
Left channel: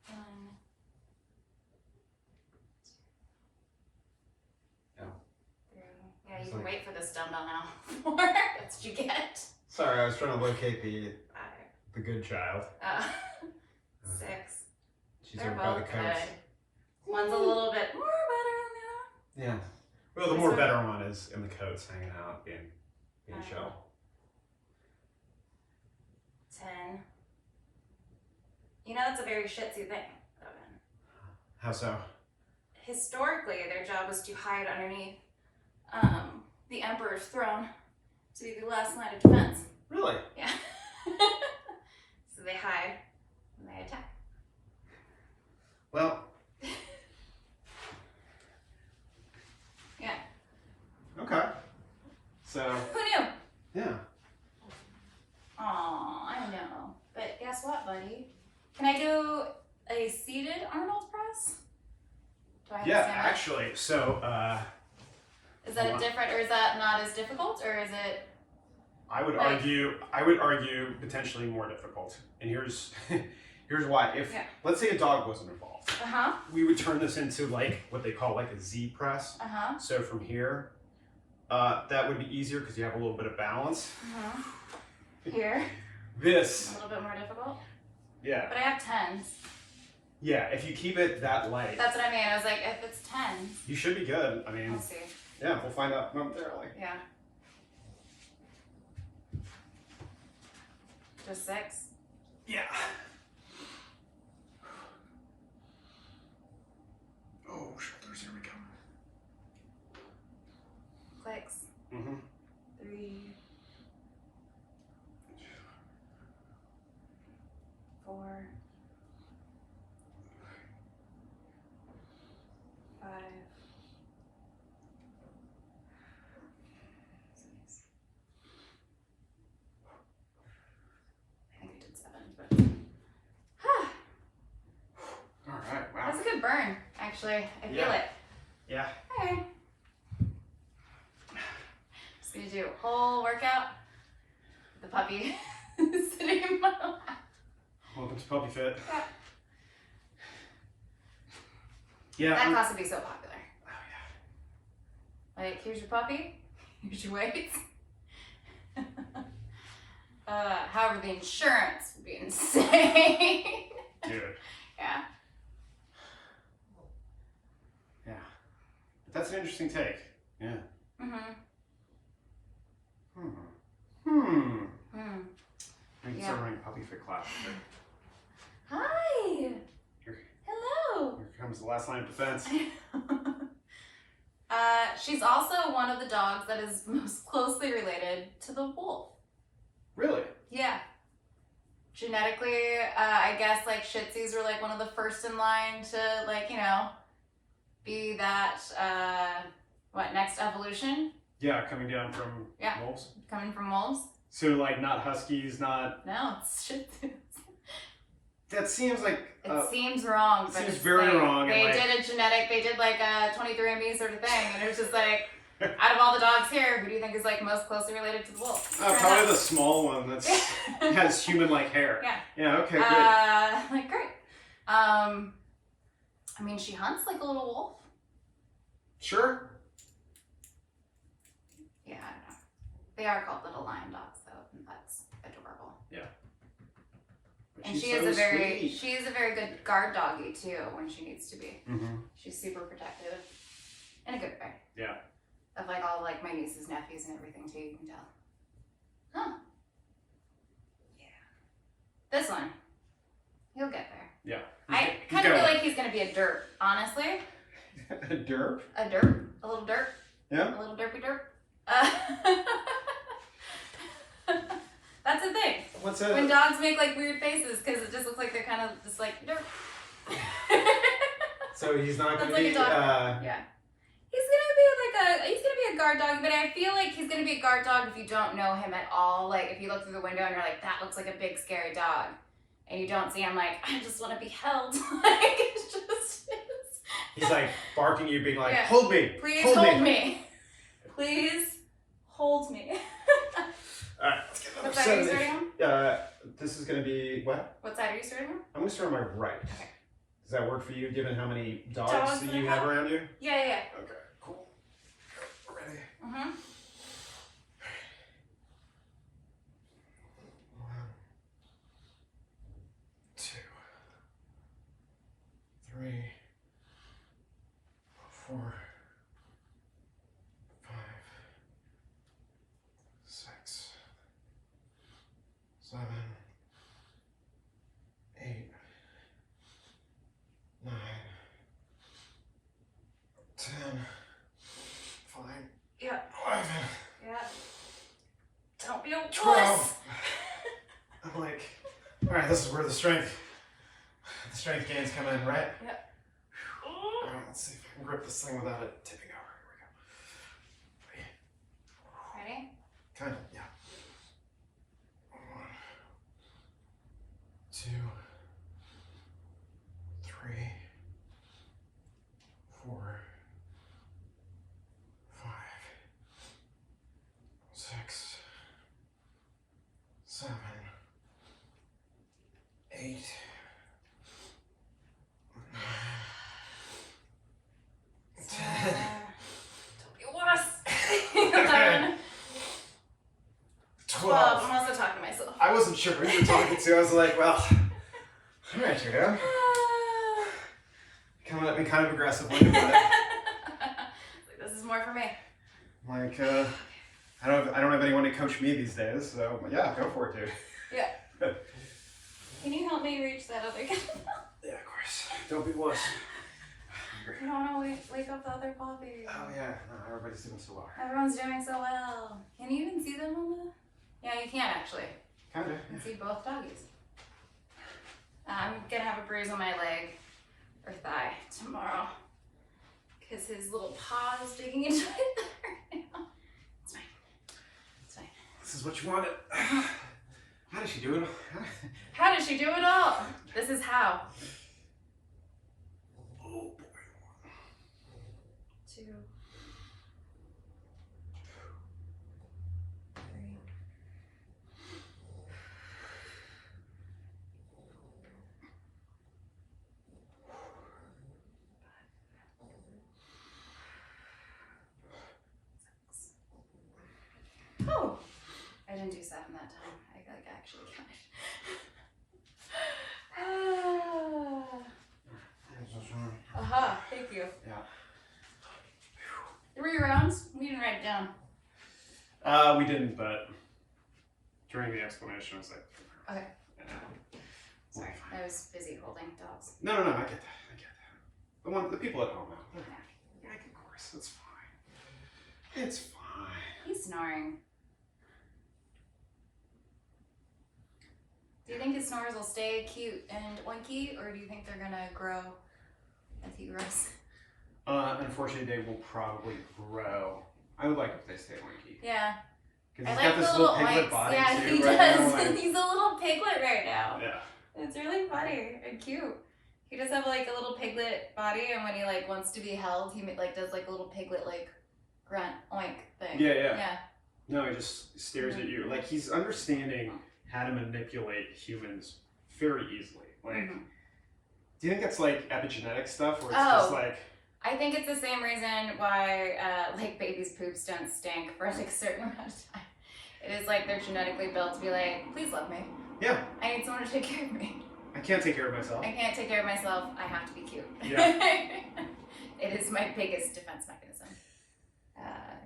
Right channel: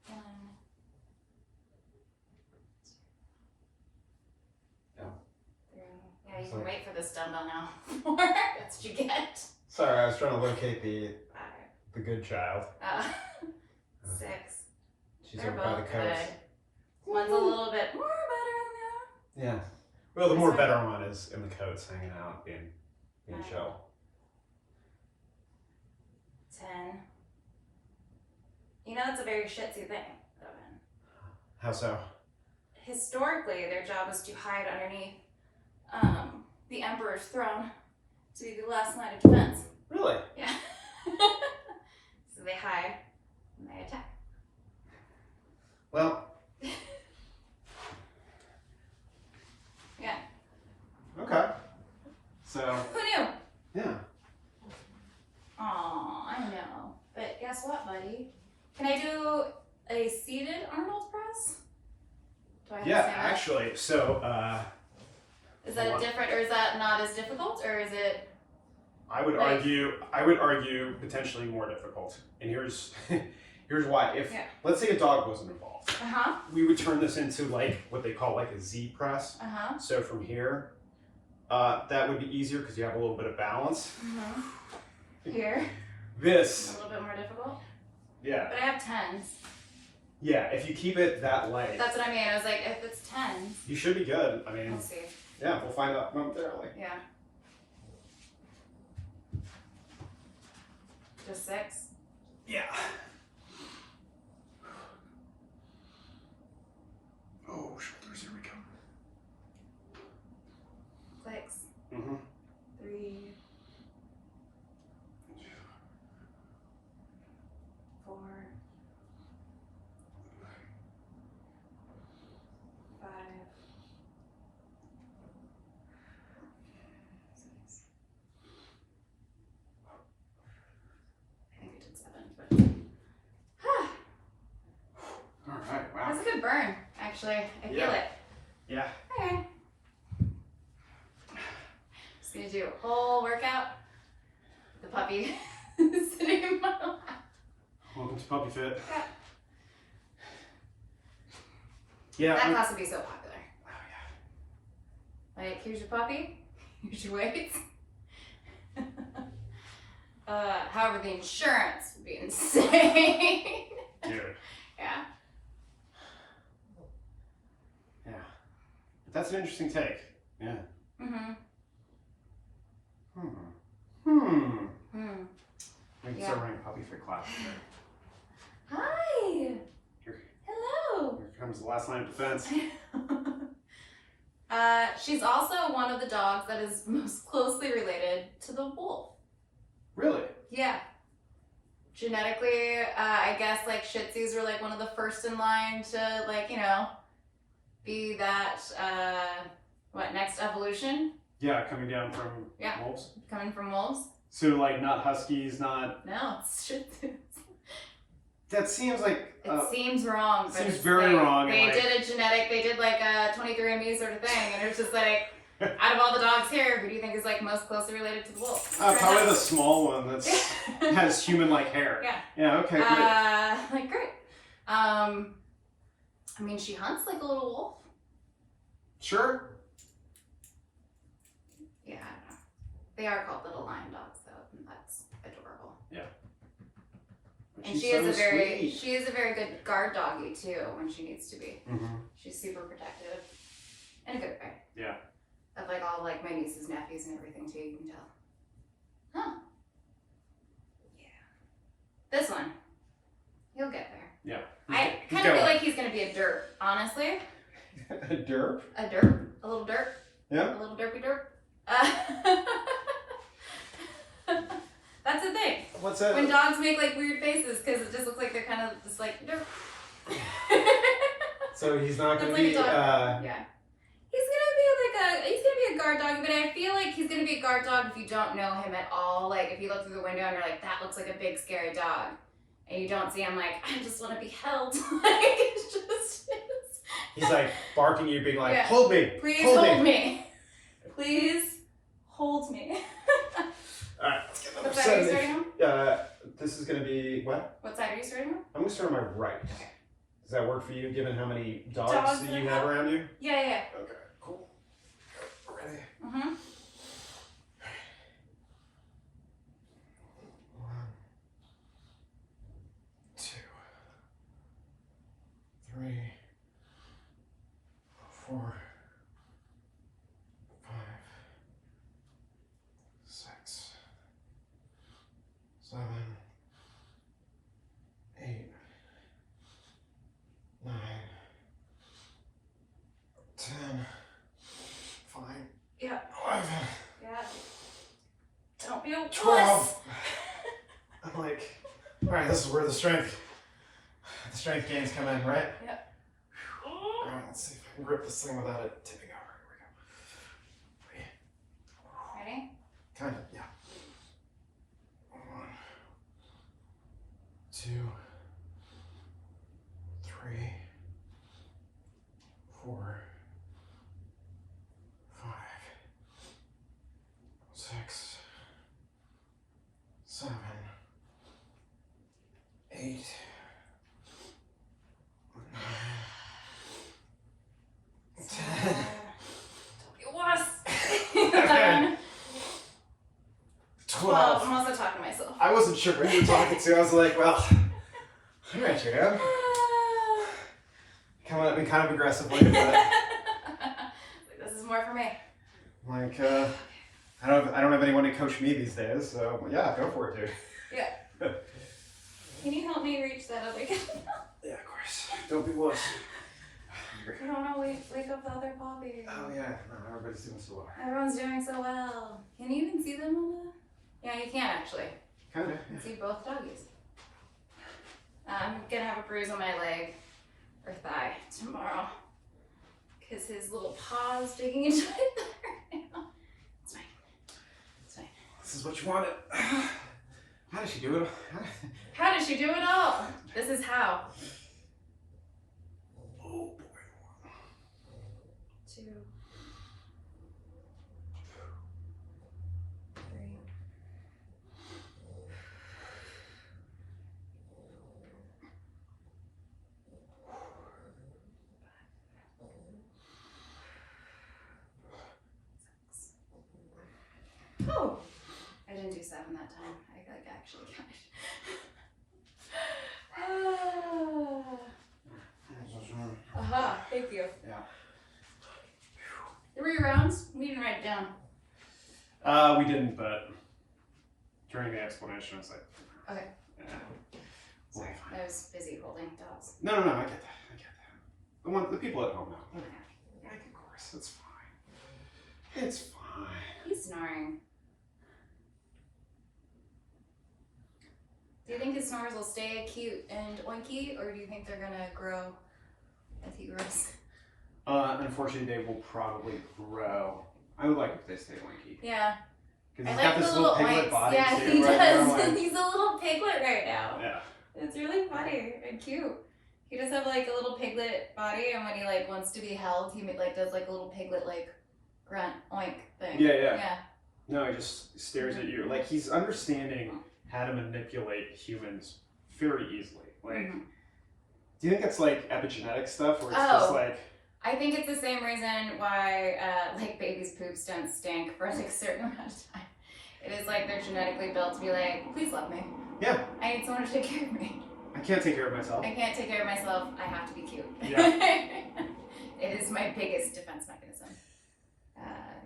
1, 2, No. 3. Yeah, you It's can like- wait for this dumbbell now. 4. That's what you get. Sorry, I was trying to locate 5. the good child. 6. She's They're over by the both coast. good. One's a little bit more better than the other. Yeah. Well, the more better one is in the coats, hanging out, being chill. 10. You know, that's a very Shih Tzu thing, JoAnn. How so? Historically, their job was to hide underneath the Emperor's throne to be the last line of defense. Really? Yeah. So they hide and they attack. Well. Yeah. Okay. So. Who knew? Yeah. Aw, I know. But guess what, buddy? Can I do a seated Arnold press? Do I have to stand up? Actually, so Is that a different, or is that not as difficult, or is it? I would like, argue potentially more difficult. And here's why. If let's say a dog wasn't involved, we would turn this into like what they call like a Z press. So from here, that would be easier because you have a little bit of balance. Here. This. A little bit more difficult. Yeah. But I have 10s. Yeah, if you keep it that light. That's what I mean. I was like, if it's 10s. You should be good. I mean. We'll see. Yeah, we'll find out momentarily. Yeah. Just 6? Yeah. Oh, shoulders, here we come. 6. 3. 4. 5. 6. I think I did 7, but. All right, wow. That's a good burn, actually. I feel it. Yeah. Okay. Just gonna do a whole workout. The puppy sitting in my lap. Welcome to Puppy Fit. Yeah. That class would be so popular. Oh yeah. Like, here's your puppy. Here's your weights. However, the insurance would be insane. Dude. Yeah. Yeah. That's an interesting take. Yeah. I think start running a Puppy Fit class. Hi. Hello. Here comes the last line of defense. She's also one of the dogs that is most closely related to the wolf. Really? Yeah. Genetically, I guess like Shih Tzus were like one of the first in line to like, you know, be that, next evolution? Yeah, coming down from wolves. Coming from wolves. So like not huskies, not. No, it's Shih Tzus. That seems like. It seems wrong. But seems it's very like, wrong. They did like a 23andMe sort of thing, and it's just like, out of all the dogs here, who do you think is like most closely related to the wolf? Probably the small one that has human-like hair. Yeah. Yeah. Okay. Great. Like great. I mean, she hunts like a little wolf. Sure. Yeah, I don't know. They are called little lion dogs, though, and that's adorable. Yeah. And she's she is so a very good guard doggy too when she needs to be. Mm-hmm. She's super protective, in a good way. Yeah. Of like all like my nieces, nephews, and everything too. You can tell. Huh. Yeah. This one, he'll get there. Yeah. I kind of feel like he's gonna be a derp, honestly. A derp? A derp, a little derp. Yeah. A little derpy derp. That's the thing. What's that? When dogs make like weird faces because it just looks like they're kind of just like derp. So he's not gonna like be. a dog. Yeah. He's gonna be a guard dog, but I feel like he's gonna be a guard dog if you don't know him at all. Like if you look through the window and you're like, that looks like a big scary dog, and you don't see him, like, I just want to be held. Like it's just. He's like barking you, being like, hold me. Please hold me. Please hold me. Alright, let's get another What side are you starting on? This is gonna be what? What side are you starting on? I'm gonna start on my right. Okay. Does that work for you, given how many dogs that you have around you? Yeah. Okay, cool. Ready? Mm-hmm. 1, 2, 3, 4, 5, 6, 7, this is where the strength gains come in, right? Yep. All right, let's see if I can grip this thing without it tipping over. Here we go. Ready? Kind of, yeah. 1, 2, 3, 4, 5, 6, 7, 8, 9, 10. Don't be wuss. 11, 12. I'm also talking to myself. I wasn't sure who you were talking to. I was like, well, all right, JoAnn. Coming at me kind of aggressively, but This is more for me. like, I don't have anyone to coach me these days, so yeah, go for it, dude. Yeah. Can you help me reach that other guy? Yeah, of course. Don't be wuss. I don't want to wake up the other puppy. Oh yeah, no, everybody's doing so well. Everyone's doing so well. Can you even see them on the... Yeah, you can actually. Kind of. You can see both doggies. I'm gonna have a bruise on my leg or thigh tomorrow because his little paw is digging into it right now. It's fine. It's fine. This is what you wanted. How did she do it? How did she do it all? This is how. Oh boy. 2, 3. Oh, I didn't do 7 that time. I like actually counted. Thank you. Yeah. Were your rounds? We didn't write it down. We didn't, but during the explanation, I was like, Okay. yeah. Sorry, I was busy holding dogs. No, I get that. The people at home now. Like, of course, it's fine. It's fine. He's snoring. Do you think his snores will stay cute and oinky, or do you think they're gonna grow as he grows? Unfortunately, they will probably grow. I would like if they stay winky. Yeah. Because he's I got like this the little little piglet oinks. body Yeah, too, he right does. now. Like, He's a little piglet right now. yeah. It's really funny and cute. He does have like a little piglet body, and when he like wants to be held, he like does like a little piglet like grunt oink thing. Yeah. No, he just stares at you. Like, he's understanding how to manipulate humans very easily. Like, do you think it's like epigenetic stuff, where it's just like... I think it's the same reason why like babies' poops don't stink for like a certain amount of time. It is like they're genetically built to be like, please love me. Yeah. I need someone to take care of me. I can't take care of myself. I can't take care of myself. I have to be cute. Yeah. It is my biggest defense mechanism.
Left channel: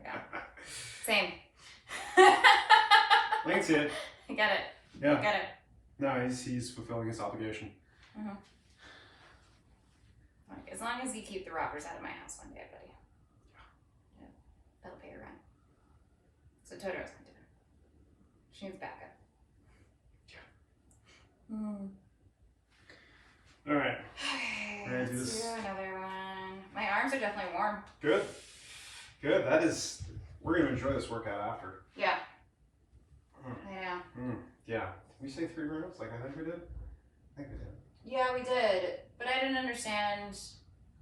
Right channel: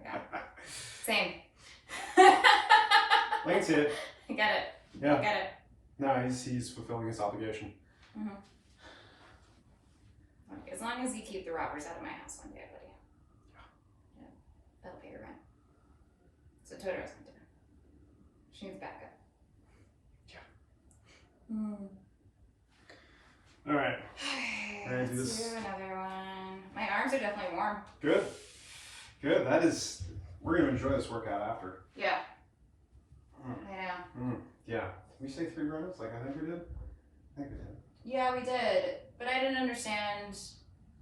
Yeah. Same. Lance it. I get it. Yeah. I get it. No, he's fulfilling his obligation. Like, as long as you keep the robbers out of my house one day, buddy. Yeah. That'll pay your rent. So Totoro's going to do. She needs backup. Yeah. All right. Ready to do Let's this? do another one. My arms are definitely warm. Good. That is... We're going to enjoy this workout after. Yeah. I know. Yeah. Did we say 3 rounds like I think we did? I think we did. Yeah, we did. But I didn't understand.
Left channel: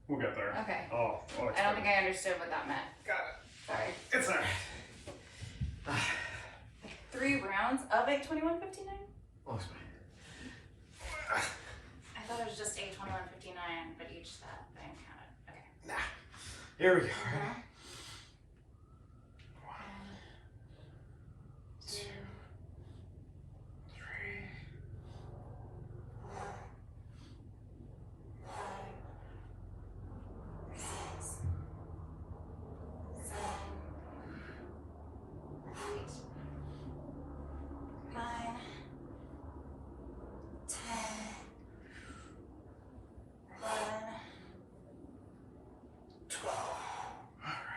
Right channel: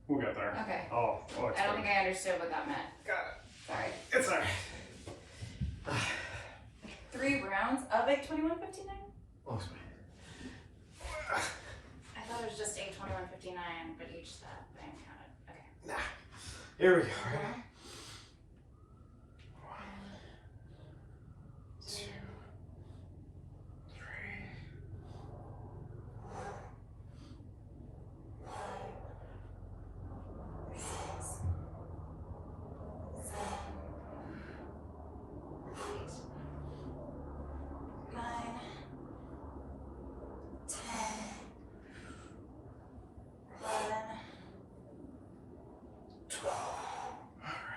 We'll get there. Okay. Oh, I don't think I understood what that meant. Got it. Sorry. It's all right. 3 rounds of a 21:59? Looks fine. I thought it was just a 21:59, but each that thing counted. Okay. Nah. Here we go. Ready? 1, 2, 3, 4, 5, 6, 7, 8, 9, 10, 11, 12. All right.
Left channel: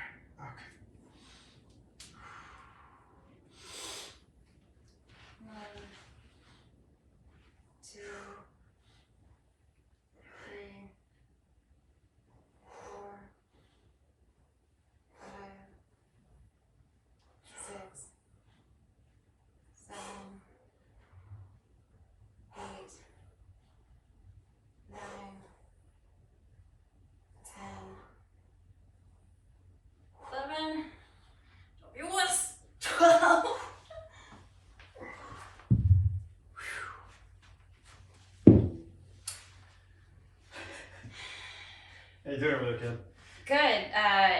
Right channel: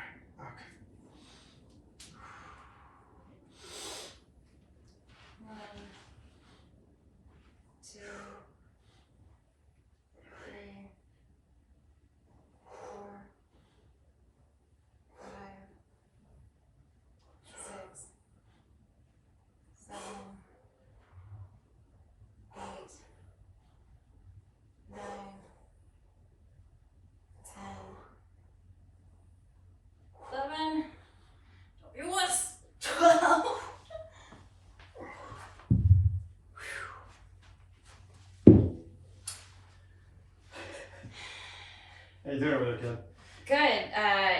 How you doing over there, kid? Good.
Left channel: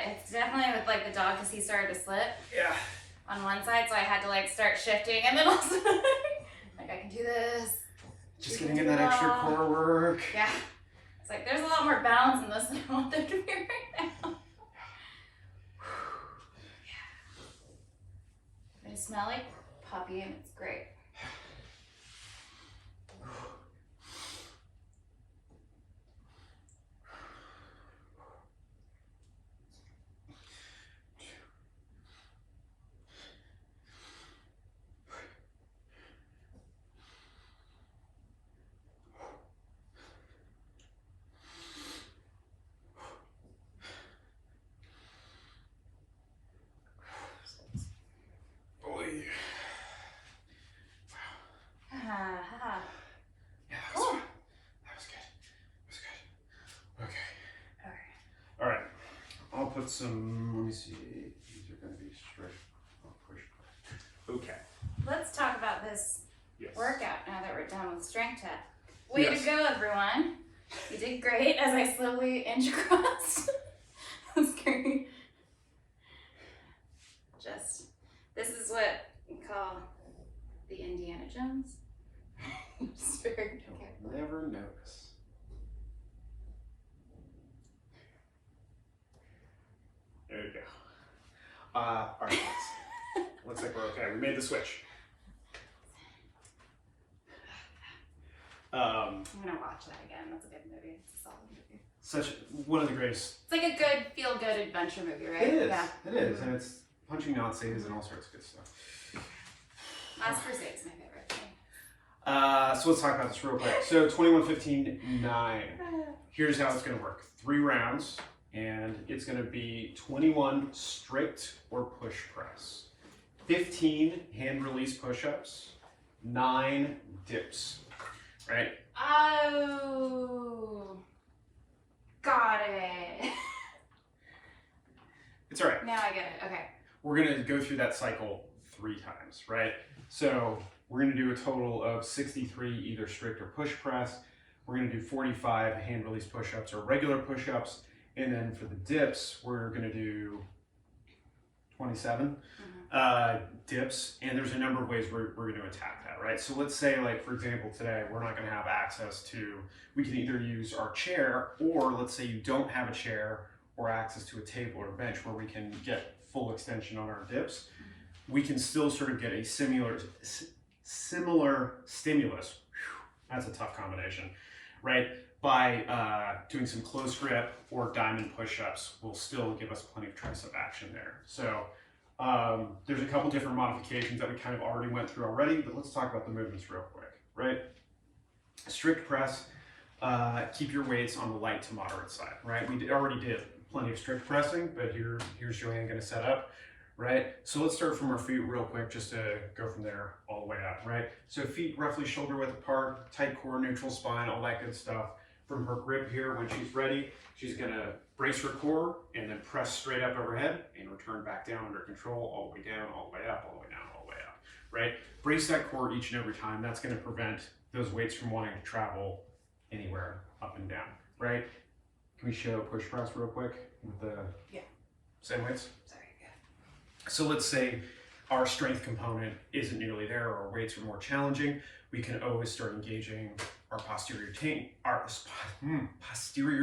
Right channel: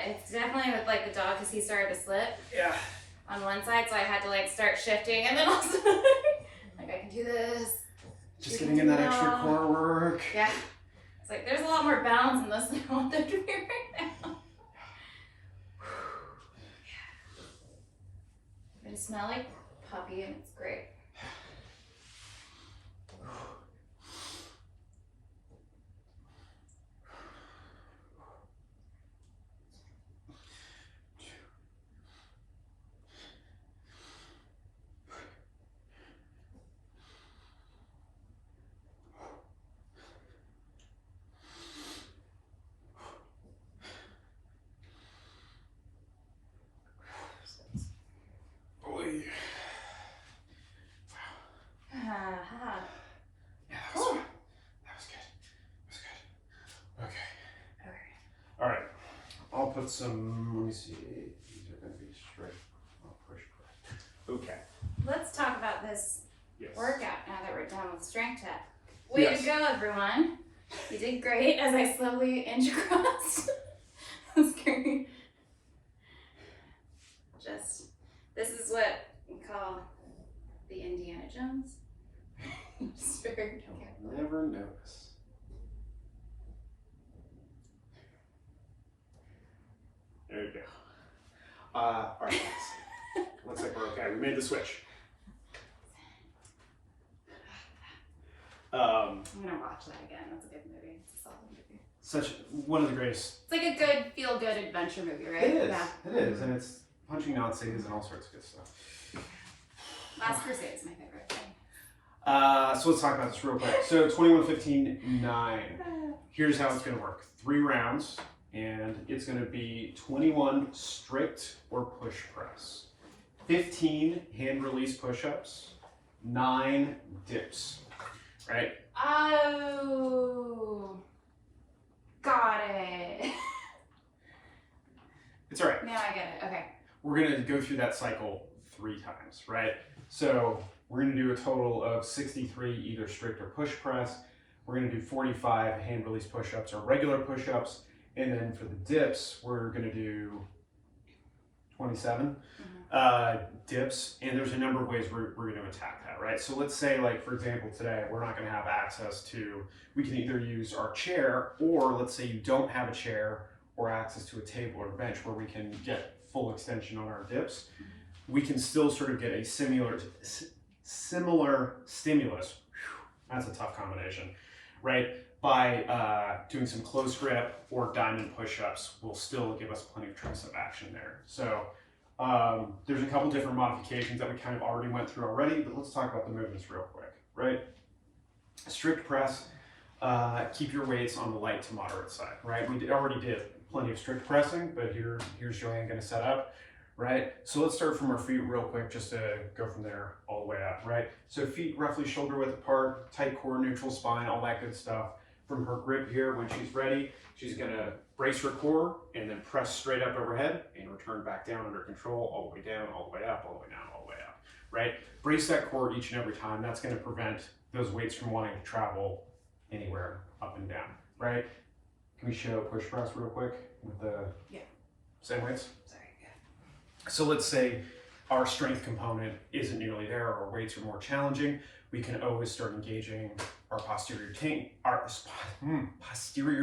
It's definitely with like the dog because he started to slip. Yeah. On one side, so I had to like start shifting, and then also like I can do this. Just getting in that extra core work. Yeah. It's like there's a lot more balance in this than I want there to be right now. But it smells like puppy, and it's great. Yeah, that was good. That was good. Okay. All right. I'll put some, let me see. These are going to be straight. I'll push. Okay. Let's talk about this Yes. workout now that we're done with strength test. Way Yes. to go, everyone. You did great as I slowly inch across. That's great. This is what we call the Indiana Jones. Just very You'll never notice. There you go. All right, guys. Looks like we're okay. We made the switch. I'm gonna watch that again. That's a good movie. It's a solid movie. Such one of the greatest. It's like a good, feel-good adventure movie, right? It is. Yeah. It is, and it's punching Nazis and all sorts of good stuff. Last Crusade is my favorite thing. So let's talk about this real quick. So 21-15-9. Here's how it's going to work. 3 rounds, and it's going to be 21 strict or push press, 15 hand release push-ups, 9 dips. Right? Oh, got it. It's all right. Now I get it. Okay. We're going to go through that cycle 3 times, right? So we're going to do a total of 63 either strict or push press. We're going to do 45 hand release push-ups or regular push-ups. And then for the dips, we're going to do 27 dips. And there's a number of ways we're going to attack that, right? So let's say, like, for example, today, we're not going to have access to, we can either use our chair, or let's say you don't have a chair or access to a table or bench where we can get full extension on our dips. We can still sort of get a similar stimulus. That's a tough combination, right? By doing some close grip or diamond push-ups will still give us plenty of tricep action there. So there's a couple different modifications that we kind of already went through already, but let's talk about the movements real quick, right? Strict press, keep your weights on the light to moderate side, right? We already did plenty of strict pressing, but here's JoAnn gonna set up, right? So let's start from our feet real quick, just to go from there all the way up, right? So feet roughly shoulder width apart, tight core, neutral spine, all that good stuff. From her grip here, when she's ready, she's gonna brace her core and then press straight up overhead and return back down under control, all the way down, all the way up, all the way down, all the way up, right? Brace that core each and every time. That's gonna prevent those weights from wanting to travel anywhere up and down, right? Can we show push press real quick with the same weights? Sorry. Yeah. So let's say our strength component isn't nearly there, or our weights are more challenging. We can always start engaging our posterior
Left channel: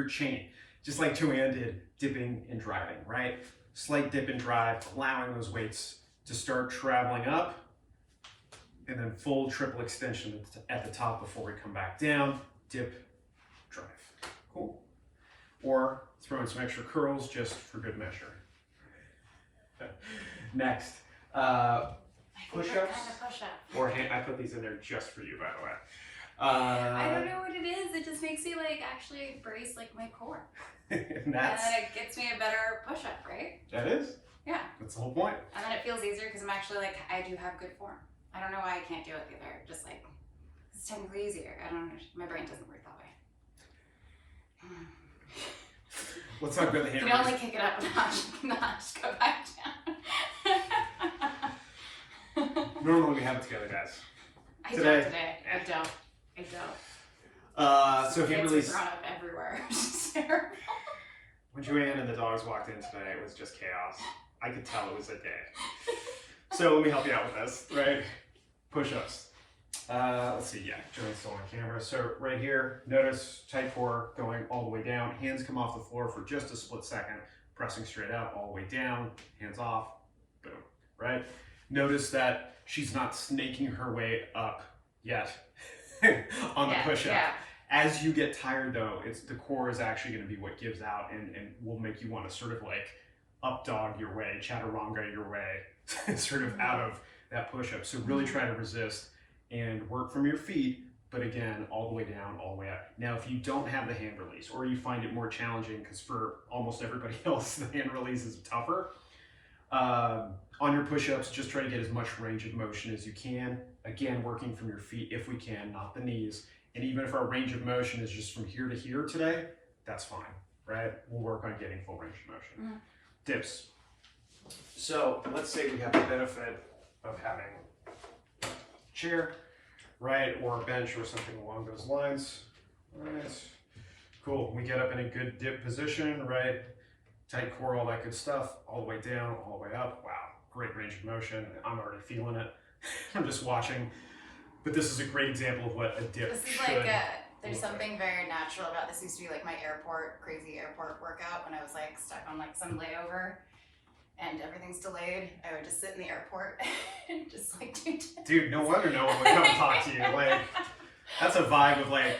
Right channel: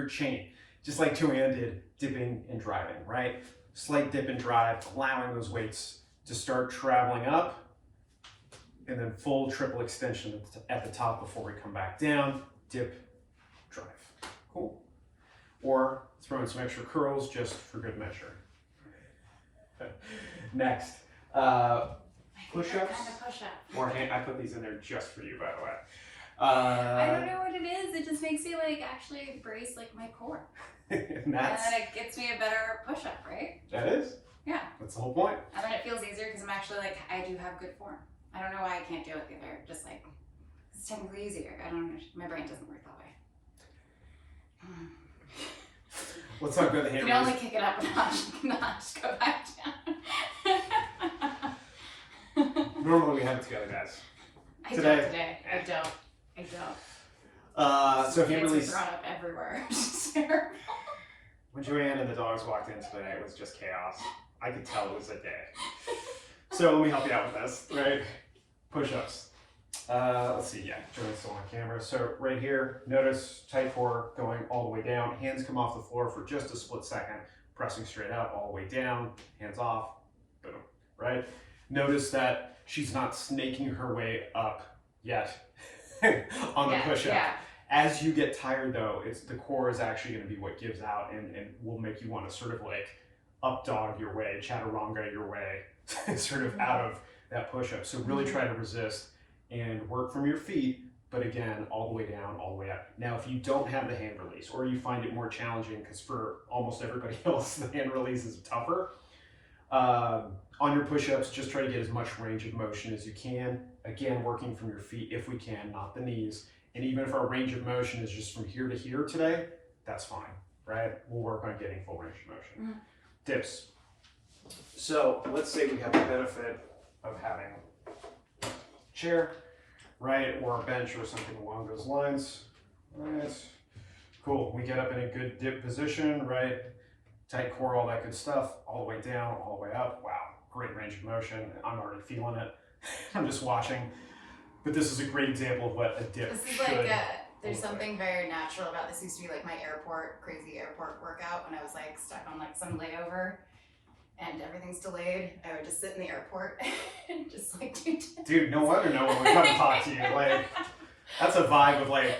chain, just like JoAnn did, dipping and driving, right? Slight dip and drive, allowing those weights to start traveling up, and then full triple extension at the top before we come back down, dip, drive. Cool. Or throw in some extra curls just for good measure. Next, push-ups. Kind of push-up. Or hand, I put these in there just for you, by the way. I don't know what it is. It just makes me like actually brace like my core. And then it gets me a better push-up, right? That is? Yeah. That's the whole point. And then it feels easier because I'm actually like, I do have good form. I don't know why I can't do it the other. Just like, it's technically easier. I don't know. My brain doesn't work that way. Let's talk about the hand You can only kick it up a notch, go back down. Normally we have it together, guys. I don't today. I don't. So hand Hands are release. thrown up everywhere. It's terrible. When JoAnn and the dogs walked in today, it was just chaos. I could tell it was a day. So let me help you out with this, right? Push-ups. Let's see, yeah, JoAnn's still on camera. So right here, notice tight core going all the way down. Hands come off the floor for just a split second. Pressing straight out, all the way down. Hands off, boom, right? Notice that she's not snaking her way up yet on the push-up. Yeah. As you get tired though, the core is actually going to be what gives out and will make you want to sort of like up dog your way, chaturanga your way, sort of out of that push-up. So really try to resist and work from your feet, but again, all the way down, all the way up. Now, if you don't have the hand release or you find it more challenging, because for almost everybody else, the hand release is tougher, on your push-ups, just try to get as much range of motion as you can. Again, working from your feet if we can, not the knees. And even if our range of motion is just from here to here today, that's fine, right? We'll work on getting full range of motion. Dips. So let's say we have the benefit of having a chair, right? Or a bench or something along those lines. Right. Cool. We get up in a good dip position, right? Tight core, all that good stuff, all the way down, all the way up. Wow, great range of motion. I'm already feeling it. I'm just watching. But this is a great example of what a dip This is should like there's something very natural about this. Used to be like my crazy airport workout when I was like stuck on like some layover and everything's delayed. I would just sit in the airport and just like do dips. Dude, no wonder no one would come and talk to you. Like, that's a vibe of like,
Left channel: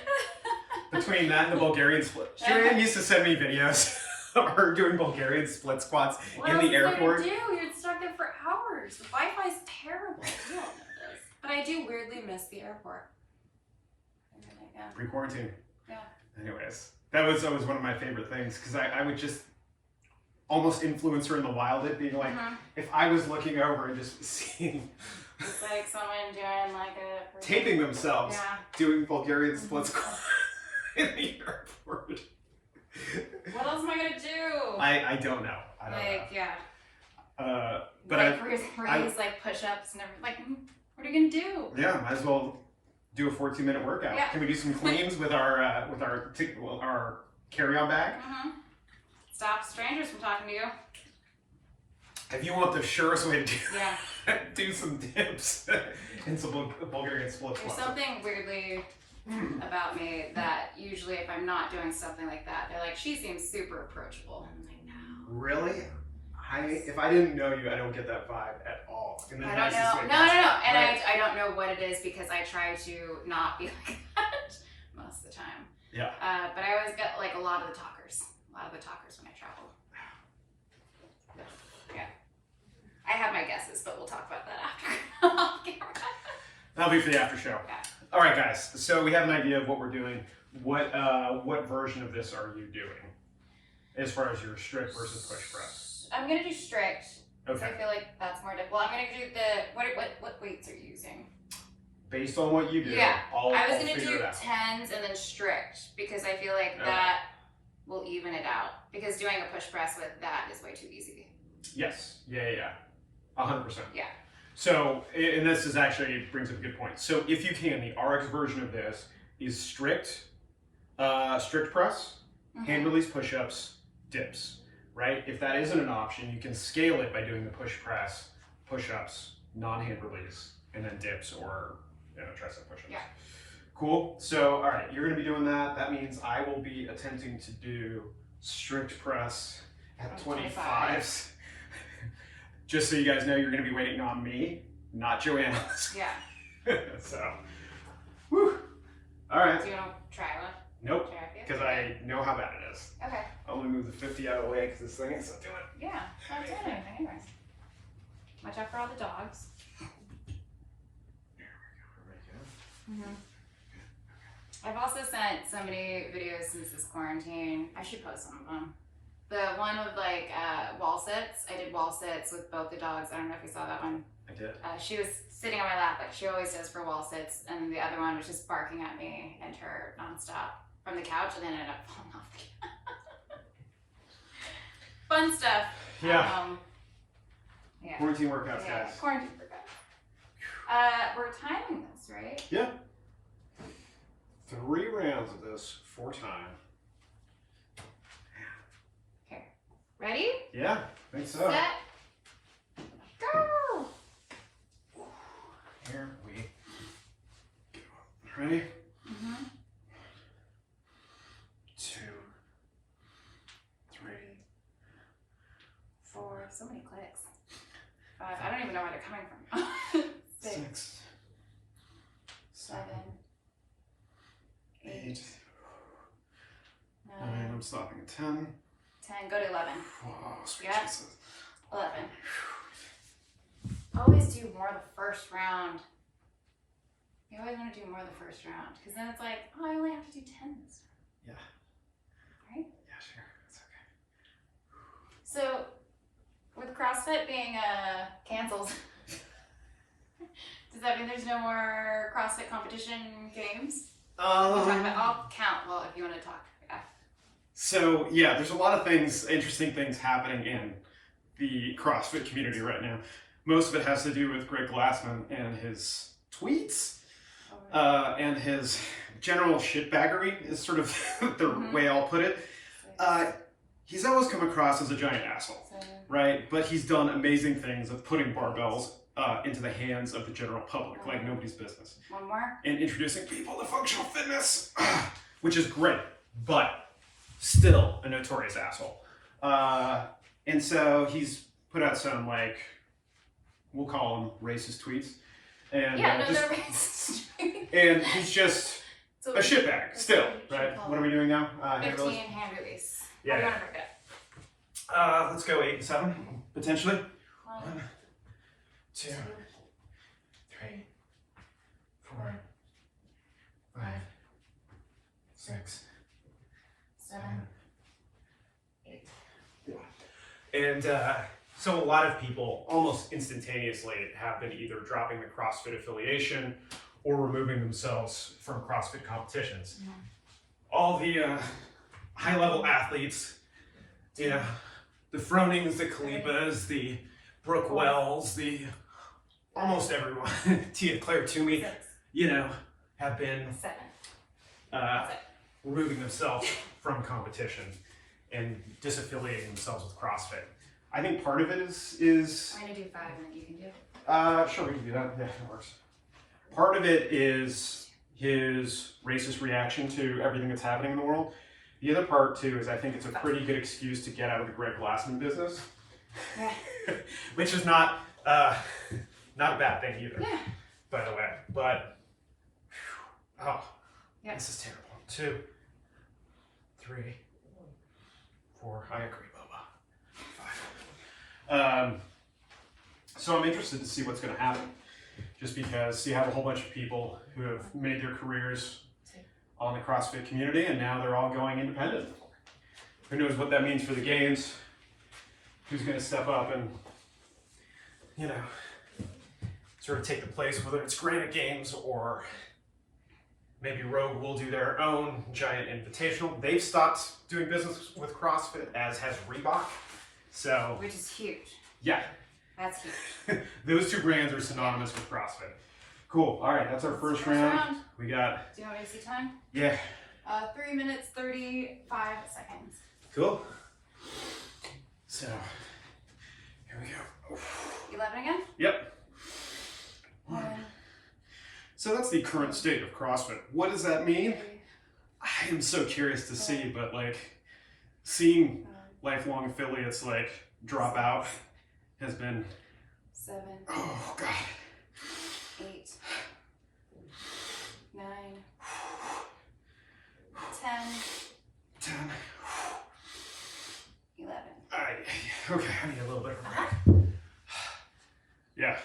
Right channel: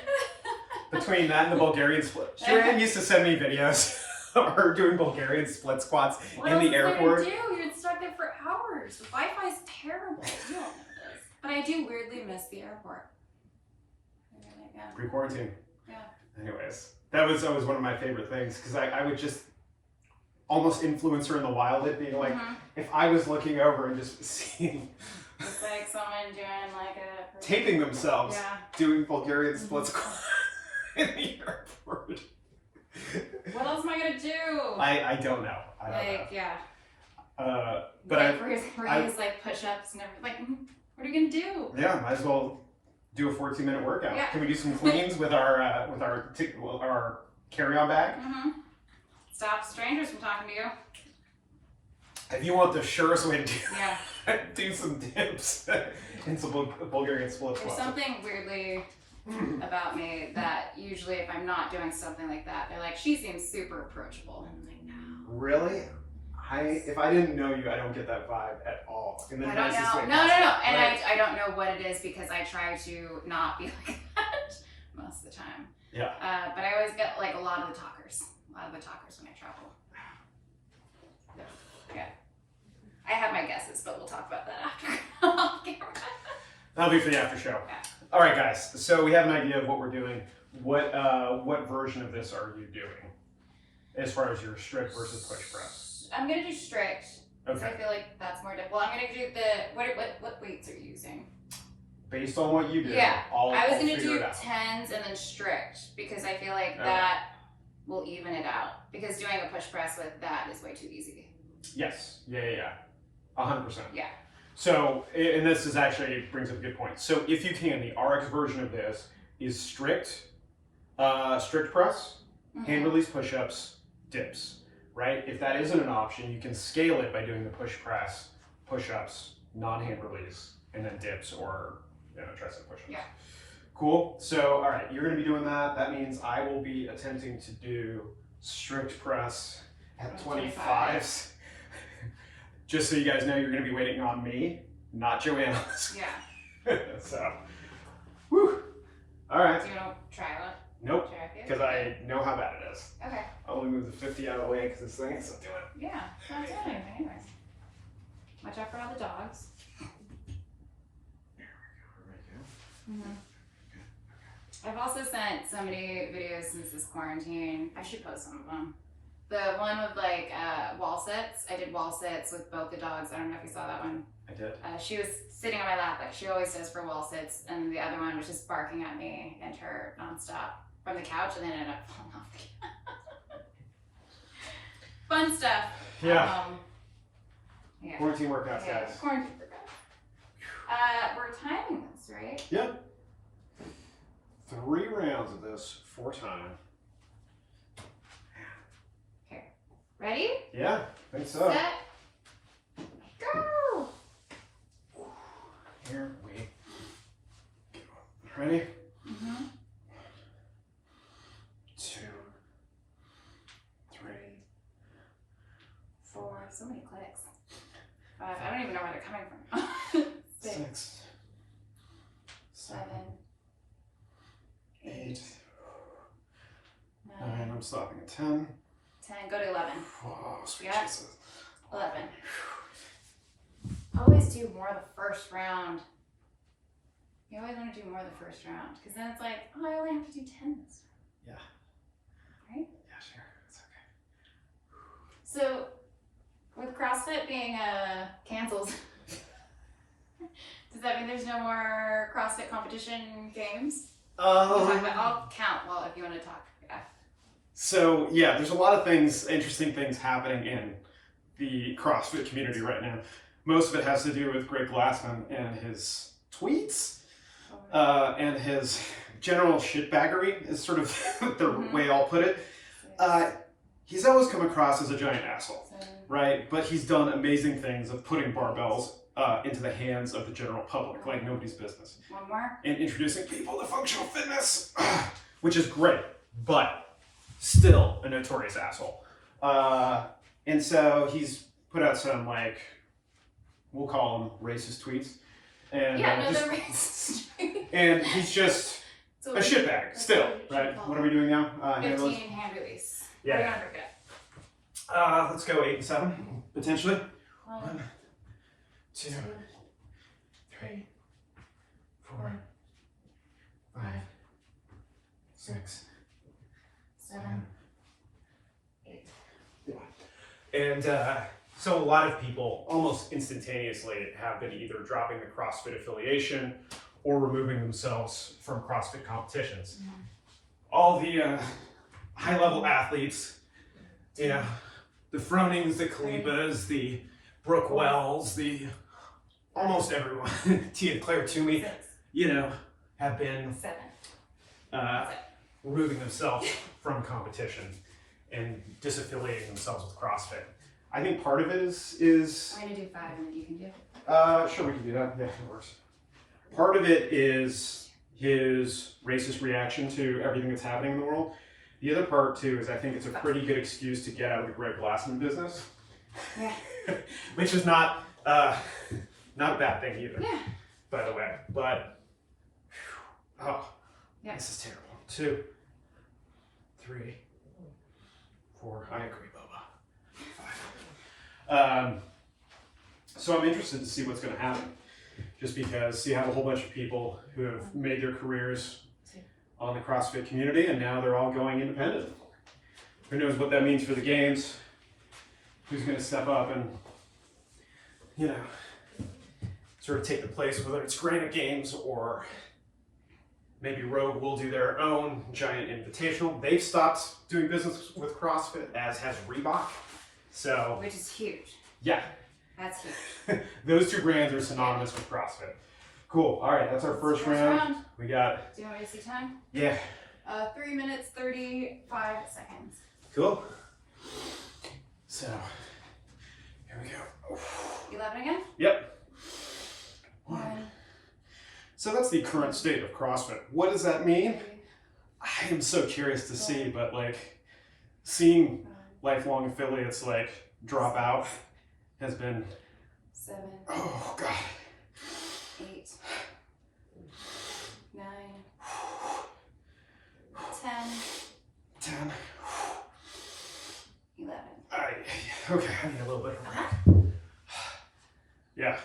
between that and the Bulgarian split. JoAnn used to send me videos of her doing Bulgarian split squats in the airport. What else do? You're stuck there for hours. The Wi-Fi's terrible. You don't know this. But I do weirdly miss the airport. Pre-quarantine. Yeah. Anyways, that was always one of my favorite things because I would just almost influence her in the wild at being like, if I was looking over and just seeing it's like someone doing like a taping themselves doing Bulgarian split squats in the airport. What else am I gonna do? I don't know. I don't know. Yeah. But like, where he's like push-ups and everything. Like, what are you gonna do? Yeah, might as well do a 14-minute workout. Yeah. Can we do some cleans with our carry-on bag? Stop strangers from talking to you. If you want the surest way to Yeah. do some dips and some Bulgarian split There's squats. something weirdly about me that usually if I'm not doing something like that, they're like, she seems super approachable. And I'm like, no. Really? If I didn't know you, I don't get that vibe at all. In the I don't nicest know. way No. possible, And right? I don't know what it is because I try to not be like that most of the time. Yeah. But I always get like a lot of the talkers when I travel. Yeah. I have my guesses, but we'll talk about that after. That'll be for the after show. Yeah. All right, guys. So we have an idea of what we're doing. What version of this are you doing as far as your strict versus push press? I'm gonna do strict. Okay. I feel like that's more difficult. I'm gonna do the what weights are you using? Based on what you do, Yeah. I'll I was gonna figure do it out. 10s and then strict because I feel like that will even it out. Because doing a push press with that is way too easy. Yes. Yeah. 100%. Yeah. So, and this is actually brings up a good point. So, if you can, the RX version of this is strict press, hand release push-ups, dips. Right? If that isn't an option, you can scale it by doing the push press, push-ups, non-hand release, and then dips or tricep push-ups. Yeah. Cool. So, all right, you're going to be doing that. That means I will be attempting to do strict press at 25s. Just so you guys know, you're going to be waiting on me, not JoAnn. Yeah. So, whew. All right. Do you want to try it? Nope. Because I know how bad it is. Okay. I'll only move the 50 out of the way because this thing is not doing it. Yeah. It's not doing anything anyway. Watch out for all the dogs. There we go. I've also sent so many videos since this quarantine. I should post some of them. The one with like wall sits. I did wall sits with both the dogs. I don't know if you saw that one. I did. She was sitting on my lap like she always does for wall sits, and the other one was just barking at me and her nonstop from the couch, and then ended up falling off again. Fun stuff. Yeah. Yeah. Quarantine workouts, guys. Quarantine workouts. We're timing this, right? Yeah. 3 rounds of this, 4 time. Okay, Ready? Yeah, I think so. Set. Go. Here we go. Ready? Mm-hmm. 2, 3, 4. So many clicks. 5. I don't even know where they're coming from. 6, 7, 8, 9. I'm stopping at 10. 10. Go to 11. Whoa, sweet Yeah. Jesus. 11. Always do more the first round. You always want to do more the first round because then it's like, oh, I only have to do 10 this round. Yeah. Right? Yeah, sure. It's okay. So, with CrossFit being canceled, does that mean there's no more CrossFit competition games? I'll count. Well, if you want to talk. Yeah. So yeah, there's a lot of things, interesting things happening in the CrossFit community right now. Most of it has to do with Greg Glassman and his tweets, and his general shitbaggery is sort of the way I'll put it. He's always come across as a giant asshole, right? But he's done amazing things of putting barbells into the hands of the general public, like nobody's business. One more. And introducing people to functional fitness, which is great, but still a notorious asshole. And so he's put out some, like, we'll call them racist tweets. And, Yeah, no, they're racist. and he's just So a shitbag, still, right? What are we doing now? 15 hand release. Yeah. We're gonna break it up. Let's go 8 and 7, potentially. 1, 2, 3, 4, 5, 6, 7, 8. And so a lot of people almost instantaneously have been either dropping the CrossFit affiliation or removing themselves from CrossFit competitions. All the high-level athletes, you know, the Fronings, the Kalipas, the Brooke Wells, the almost everyone, Tia Claire Toomey, you know, have been 7. removing themselves from competition and disaffiliating themselves with CrossFit. I think part of it is I'm gonna do 5 and then you can do. sure, we can do that. Yeah, that works. Part of it is his racist reaction to everything that's happening in the world. The other part too is I think it's a pretty good excuse to get out of the Greg Glassman business, which is not a bad thing either, by the way. But this is terrible. 2, 3, 4. I agree, Boba. 5. So I'm interested to see what's going to happen, just because you have a whole bunch of people who have made their careers on the CrossFit community, and now they're all going independent. Who knows what that means for the games? Who's going to step up and, you know, sort of take the place, whether it's Granite Games or maybe Rogue will do their own giant invitational. They've stopped doing business with CrossFit, as has Reebok. So, Which is huge. yeah. That's huge. Those two brands are synonymous with CrossFit. Cool. All right, that's our first round. We got. Do you want me to see time? Yeah. 3 minutes 35 seconds. Cool. So, here we go. 11 again? Yep. 1. So that's the current state of CrossFit. What does that mean? I am so curious to see, but like seeing lifelong affiliates like drop out has been 7. Oh god. 8. 9. 10. 10. 11. Okay, I need a little bit of a break. Yeah.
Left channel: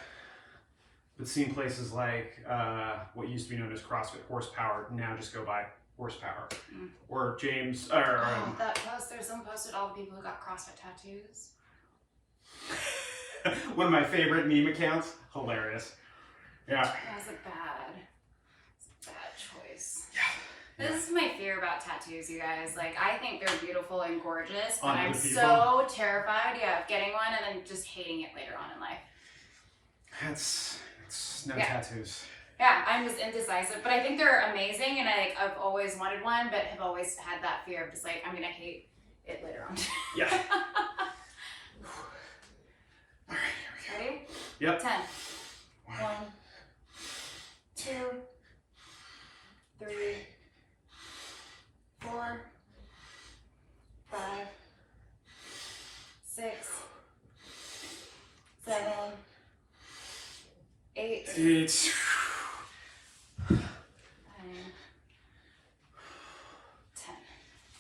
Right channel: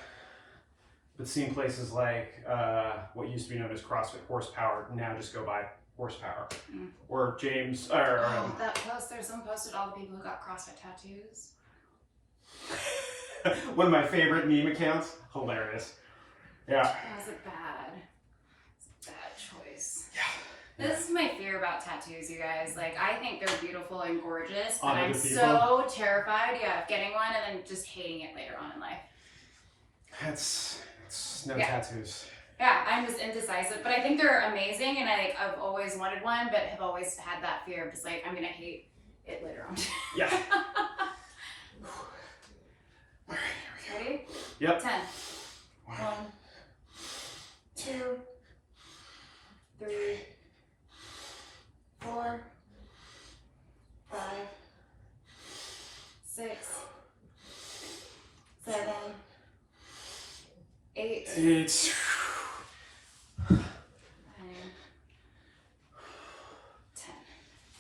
But seeing places like what used to be known as CrossFit Horsepower now just go by Horsepower. Or James, that post, there's some posted all the people who got CrossFit tattoos. one of my favorite meme accounts. Hilarious. Yeah. That was a bad choice. Yeah. This is my fear about tattoos, you guys. Like, I think they're beautiful and gorgeous, but On I'm other people? so terrified, of getting one and then just hating it later on in life. It's no Yeah. tattoos. Yeah, I'm just indecisive, but I think they're amazing, and I've always wanted one, but have always had that fear of just like, I'm gonna hate it later on. Yeah. All right, here we go. Ready? Yep. 10. 1, 2, 3, 4, 5, 6, 7, 8, 8. 9, 10.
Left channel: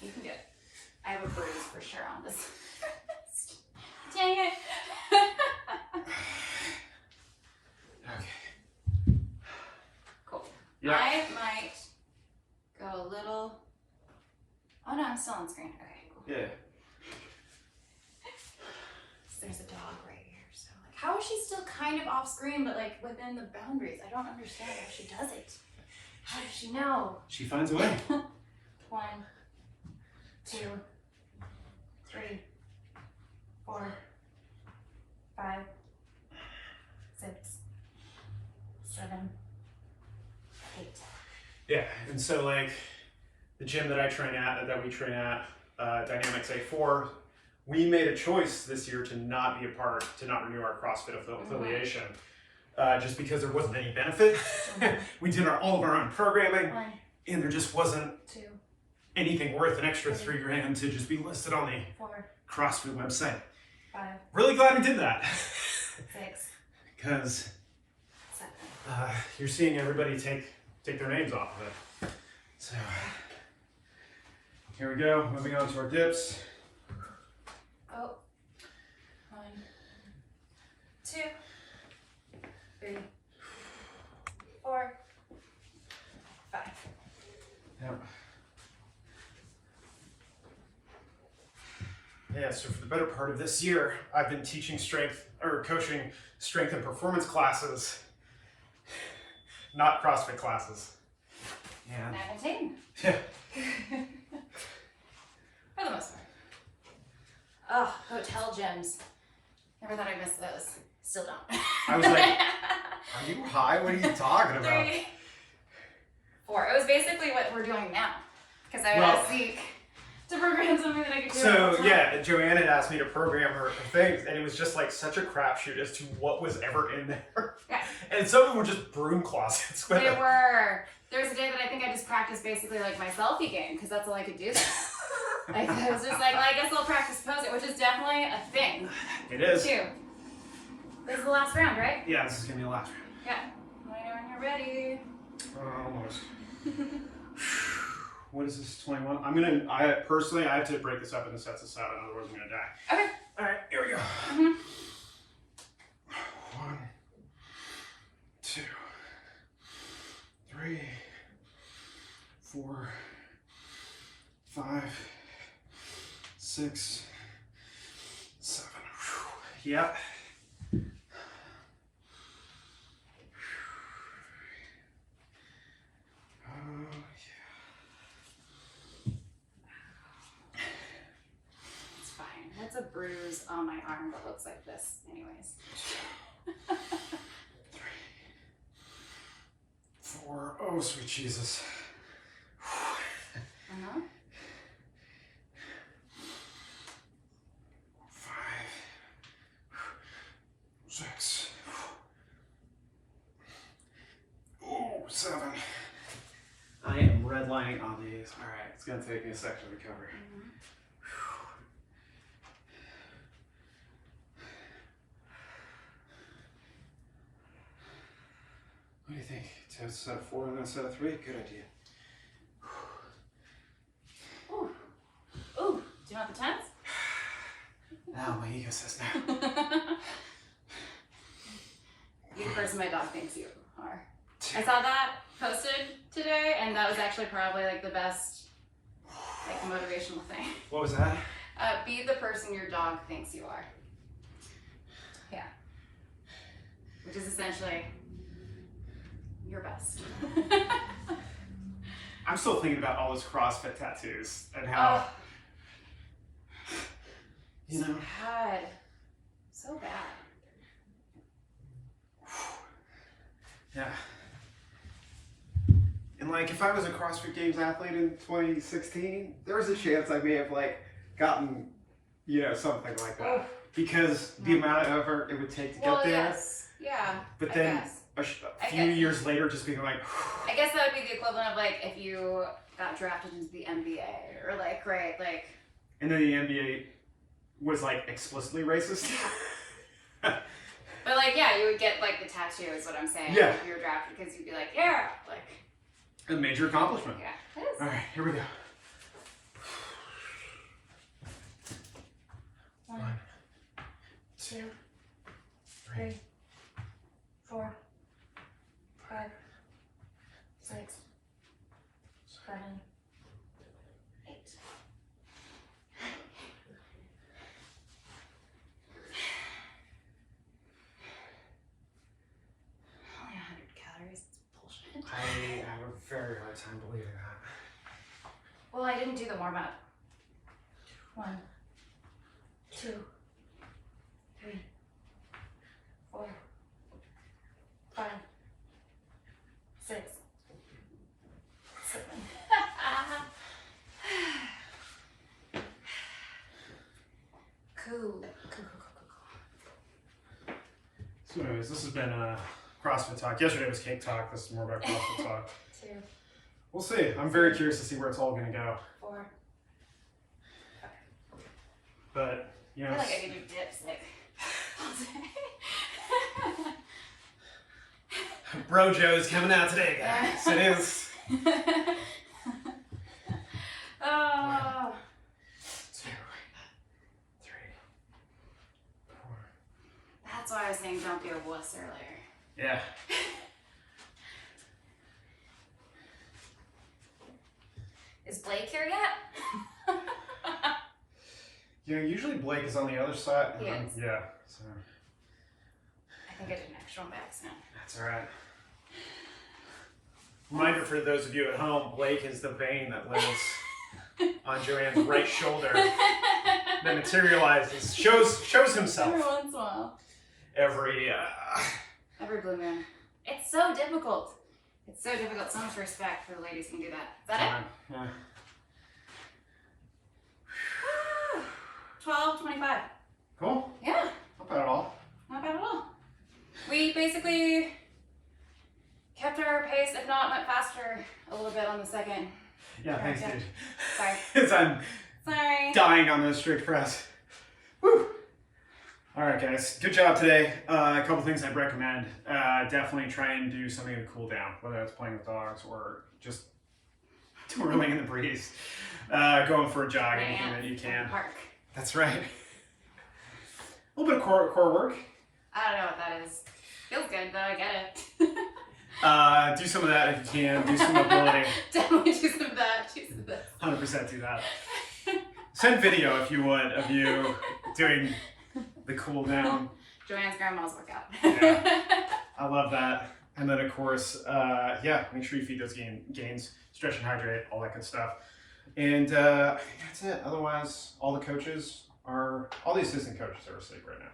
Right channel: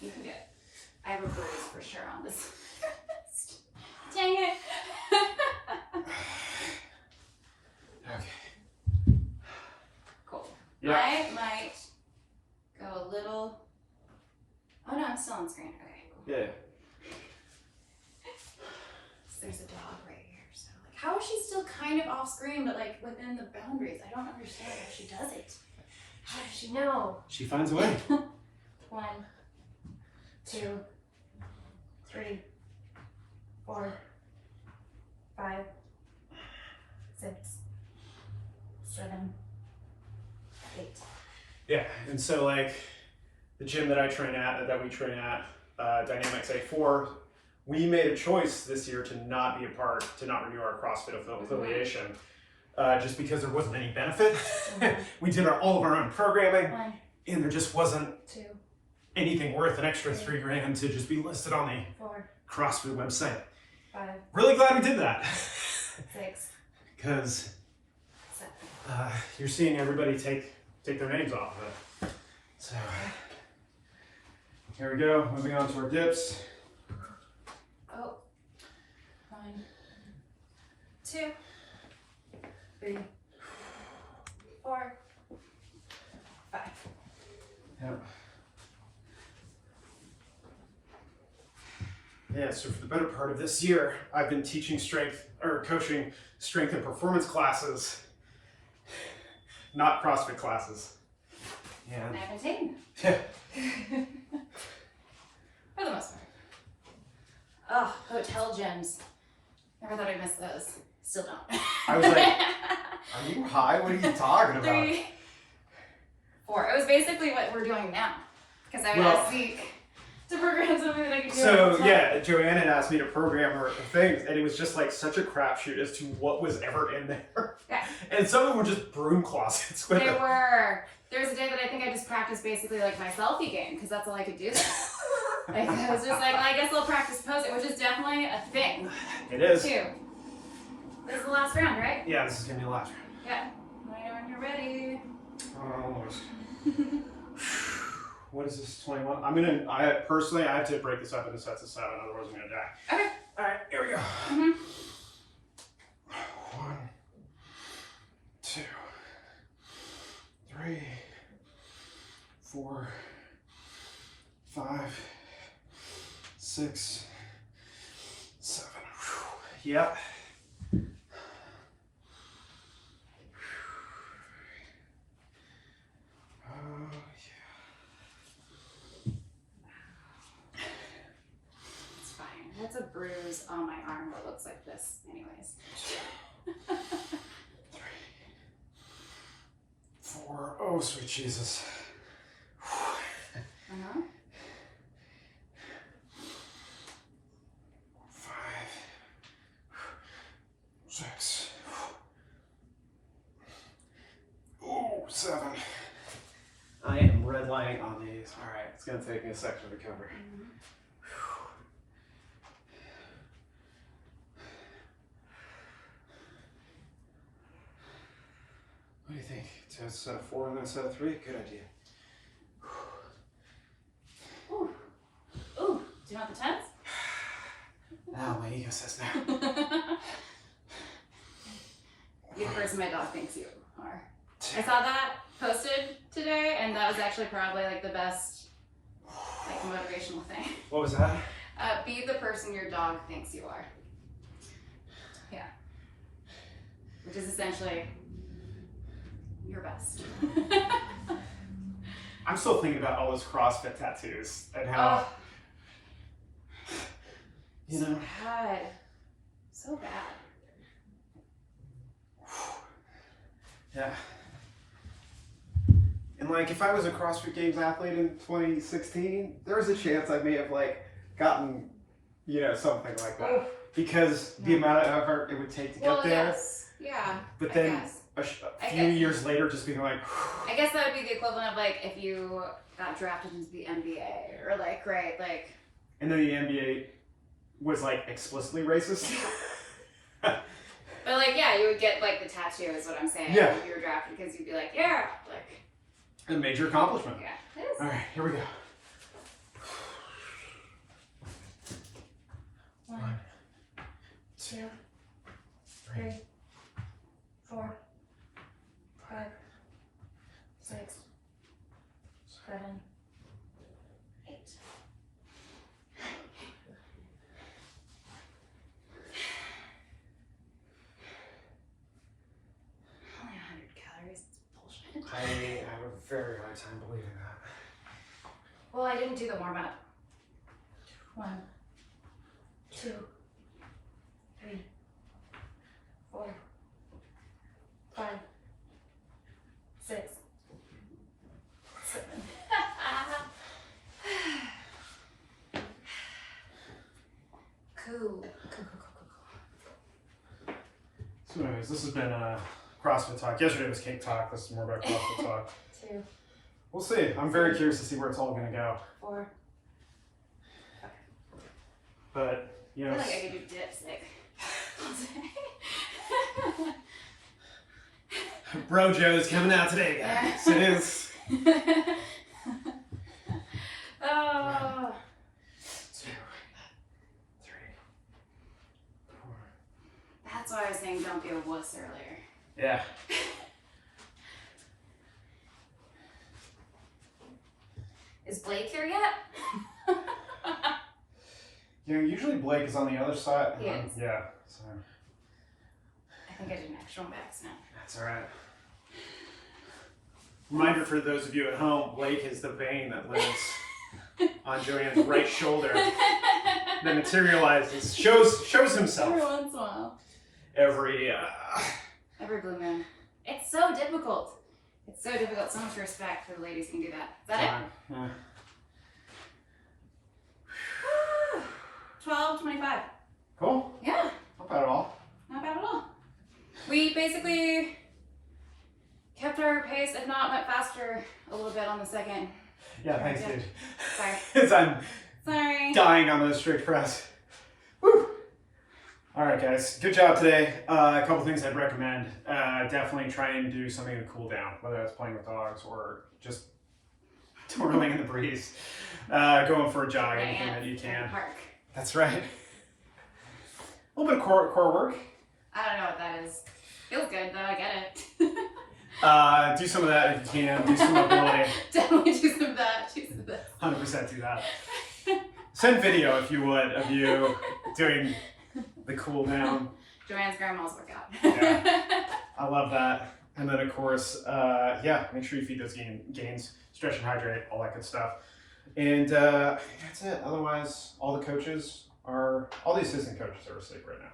You can do it. I have a bruise for sure on this. Dang it. Okay. Cool. Yeah. I might go a little. Oh no, I'm still on screen. Okay, cool. Yeah. So there's a dog right here. So like, how is she still kind of off screen, but like within the boundaries? I don't understand how she does it. How does she know? She finds a way. 1, 2, 3, 4, 5, 6, 7, 8. Yeah, and so like the gym that I train at, that we train at, Dynamics A4, we made a choice this year to not be a part, to not renew our CrossFit affiliation, just because there wasn't any benefit. We did all of our own programming, 1, and there just wasn't 2, anything worth an extra $3,000 to just be listed on the 4, CrossFit website. 5, Really glad we did that, 6, because 7. you're seeing everybody take their names off of it. So here we go, moving on to our dips. Oh. 1, 2, 3, 4, 5. Yep. Yeah, so for the better part of this year, I've been teaching coaching strength and performance classes, not CrossFit classes. And And I've been taking yeah, them. For the most part. Oh, hotel gyms. Never thought I'd miss those. Still don't. I was like, are you high? What are you talking about? 3, 4. It was basically what we're doing now. Because I would Well- ask Zeke to program something that I could do. So yeah, JoAnn had asked me to program her things, and it was just like such a crapshoot as to what was ever in there. Yeah. And some of them were just broom closets with They it. were. There was a day that I think I just practiced basically like my selfie game because that's all I could do there. Like, I was just like, well, I guess I'll practice posing, which is definitely a thing. It is. Too. This is the last round, right? Yeah, this is gonna be the last round. Yeah. Let me know when you're ready. Almost. What is this, 21? I personally have to break this up into sets of 7, otherwise I'm gonna die. Okay. All right, here we go. Mm-hmm. 1, 2, 3, 4, 5, 6, 7. Yep. It's fine. That's a bruise on my arm that looks like this, anyways. 3, 4. Oh, sweet Jesus. Uh-huh. 5, 6. Ooh, 7. I am redlining on these. All right, it's gonna take me a second to recover. Mm-hmm. What do you think? To a set of 4 and then a set of 3? Good idea. Ooh. Ooh. Do you want the tens? Now my ego says no. You're the person my dog thinks you are. I saw that posted today, and that was actually probably like the best like motivational thing. What was that? Be the person your dog thinks you are. Yeah. Which is essentially your best. I'm still thinking about all those CrossFit tattoos and how, you know. Bad. So bad. Yeah. And like, if I was a CrossFit Games athlete in 2016, there was a chance I may have like gotten, you know, something like that. Oh, because the amount of effort it would take to get there. Yes. Yeah. But I then guess. a few years later, just being like, I guess that would be the equivalent of like if you got drafted into the NBA or like, right, like. and then the NBA was like explicitly racist. But like, yeah, you would get like the tattoo is what I'm saying. Yeah. If you were drafted because you'd be like, yeah, like. A major accomplishment. Yeah, it is. All right, here we go. 1, 2, 3, 4, 5, 6, 7, 8. Only 100 calories. It's bullshit. I have a very hard time believing that. Well, I didn't do the warm up. 1, 2, 3, 4, 5, 6, 7. Cool. So anyways, this has been CrossFit Talk. Yesterday was Cake Talk. This is more about CrossFit Talk. 2, We'll see. I'm very curious to see where it's all going to go. 4. But, you I know, feel like I could do dips like all day. Brojo's coming out today, guys. It is. Oh. 2, 3, 4. That's why I was saying don't be a wuss earlier. Yeah. Is Blake here yet? Yeah, usually Blake is on the other side. He is. Yeah. So I think I did an extra one by accident. that's all right. Reminder for those of you at home, Blake is the vein that lives on JoAnn's right shoulder that materializes, shows himself Every once in a while. every Every blue moon. It's so difficult. It's so difficult. So much respect for the ladies who can do that. Is that time. Yeah. it? 12:25. Cool. Yeah, Not bad at all. not bad at all. We basically kept our pace, if not went faster a little bit on the second. Yeah, thanks, Yeah. dude. Sorry. Because I'm Sorry. dying on those strict press. Woo! All right, guys. Good job today. A couple things I'd recommend. Definitely try and do something to cool down, whether it's playing with dogs or just twirling in the breeze. Going for a jog, anything that you can. Park. That's right. A little bit of core work. I don't know what that is. Feels good though, I get it. Do some of that if you can. Do some mobility. Definitely do some of that. Do some of that. 100% do that. Send video if you would of you doing the cool down. JoAnn's grandma's workout. Yeah. I love that. And then of course, yeah, make sure you feed those gains, stretch and hydrate, all that good stuff. And I think that's it. Otherwise, all the assistant coaches are asleep right now.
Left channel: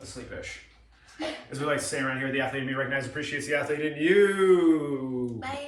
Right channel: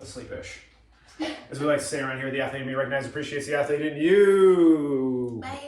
Asleep-ish. As we like to say around here, the athlete in me recognizes, appreciates the athlete in you. Bye.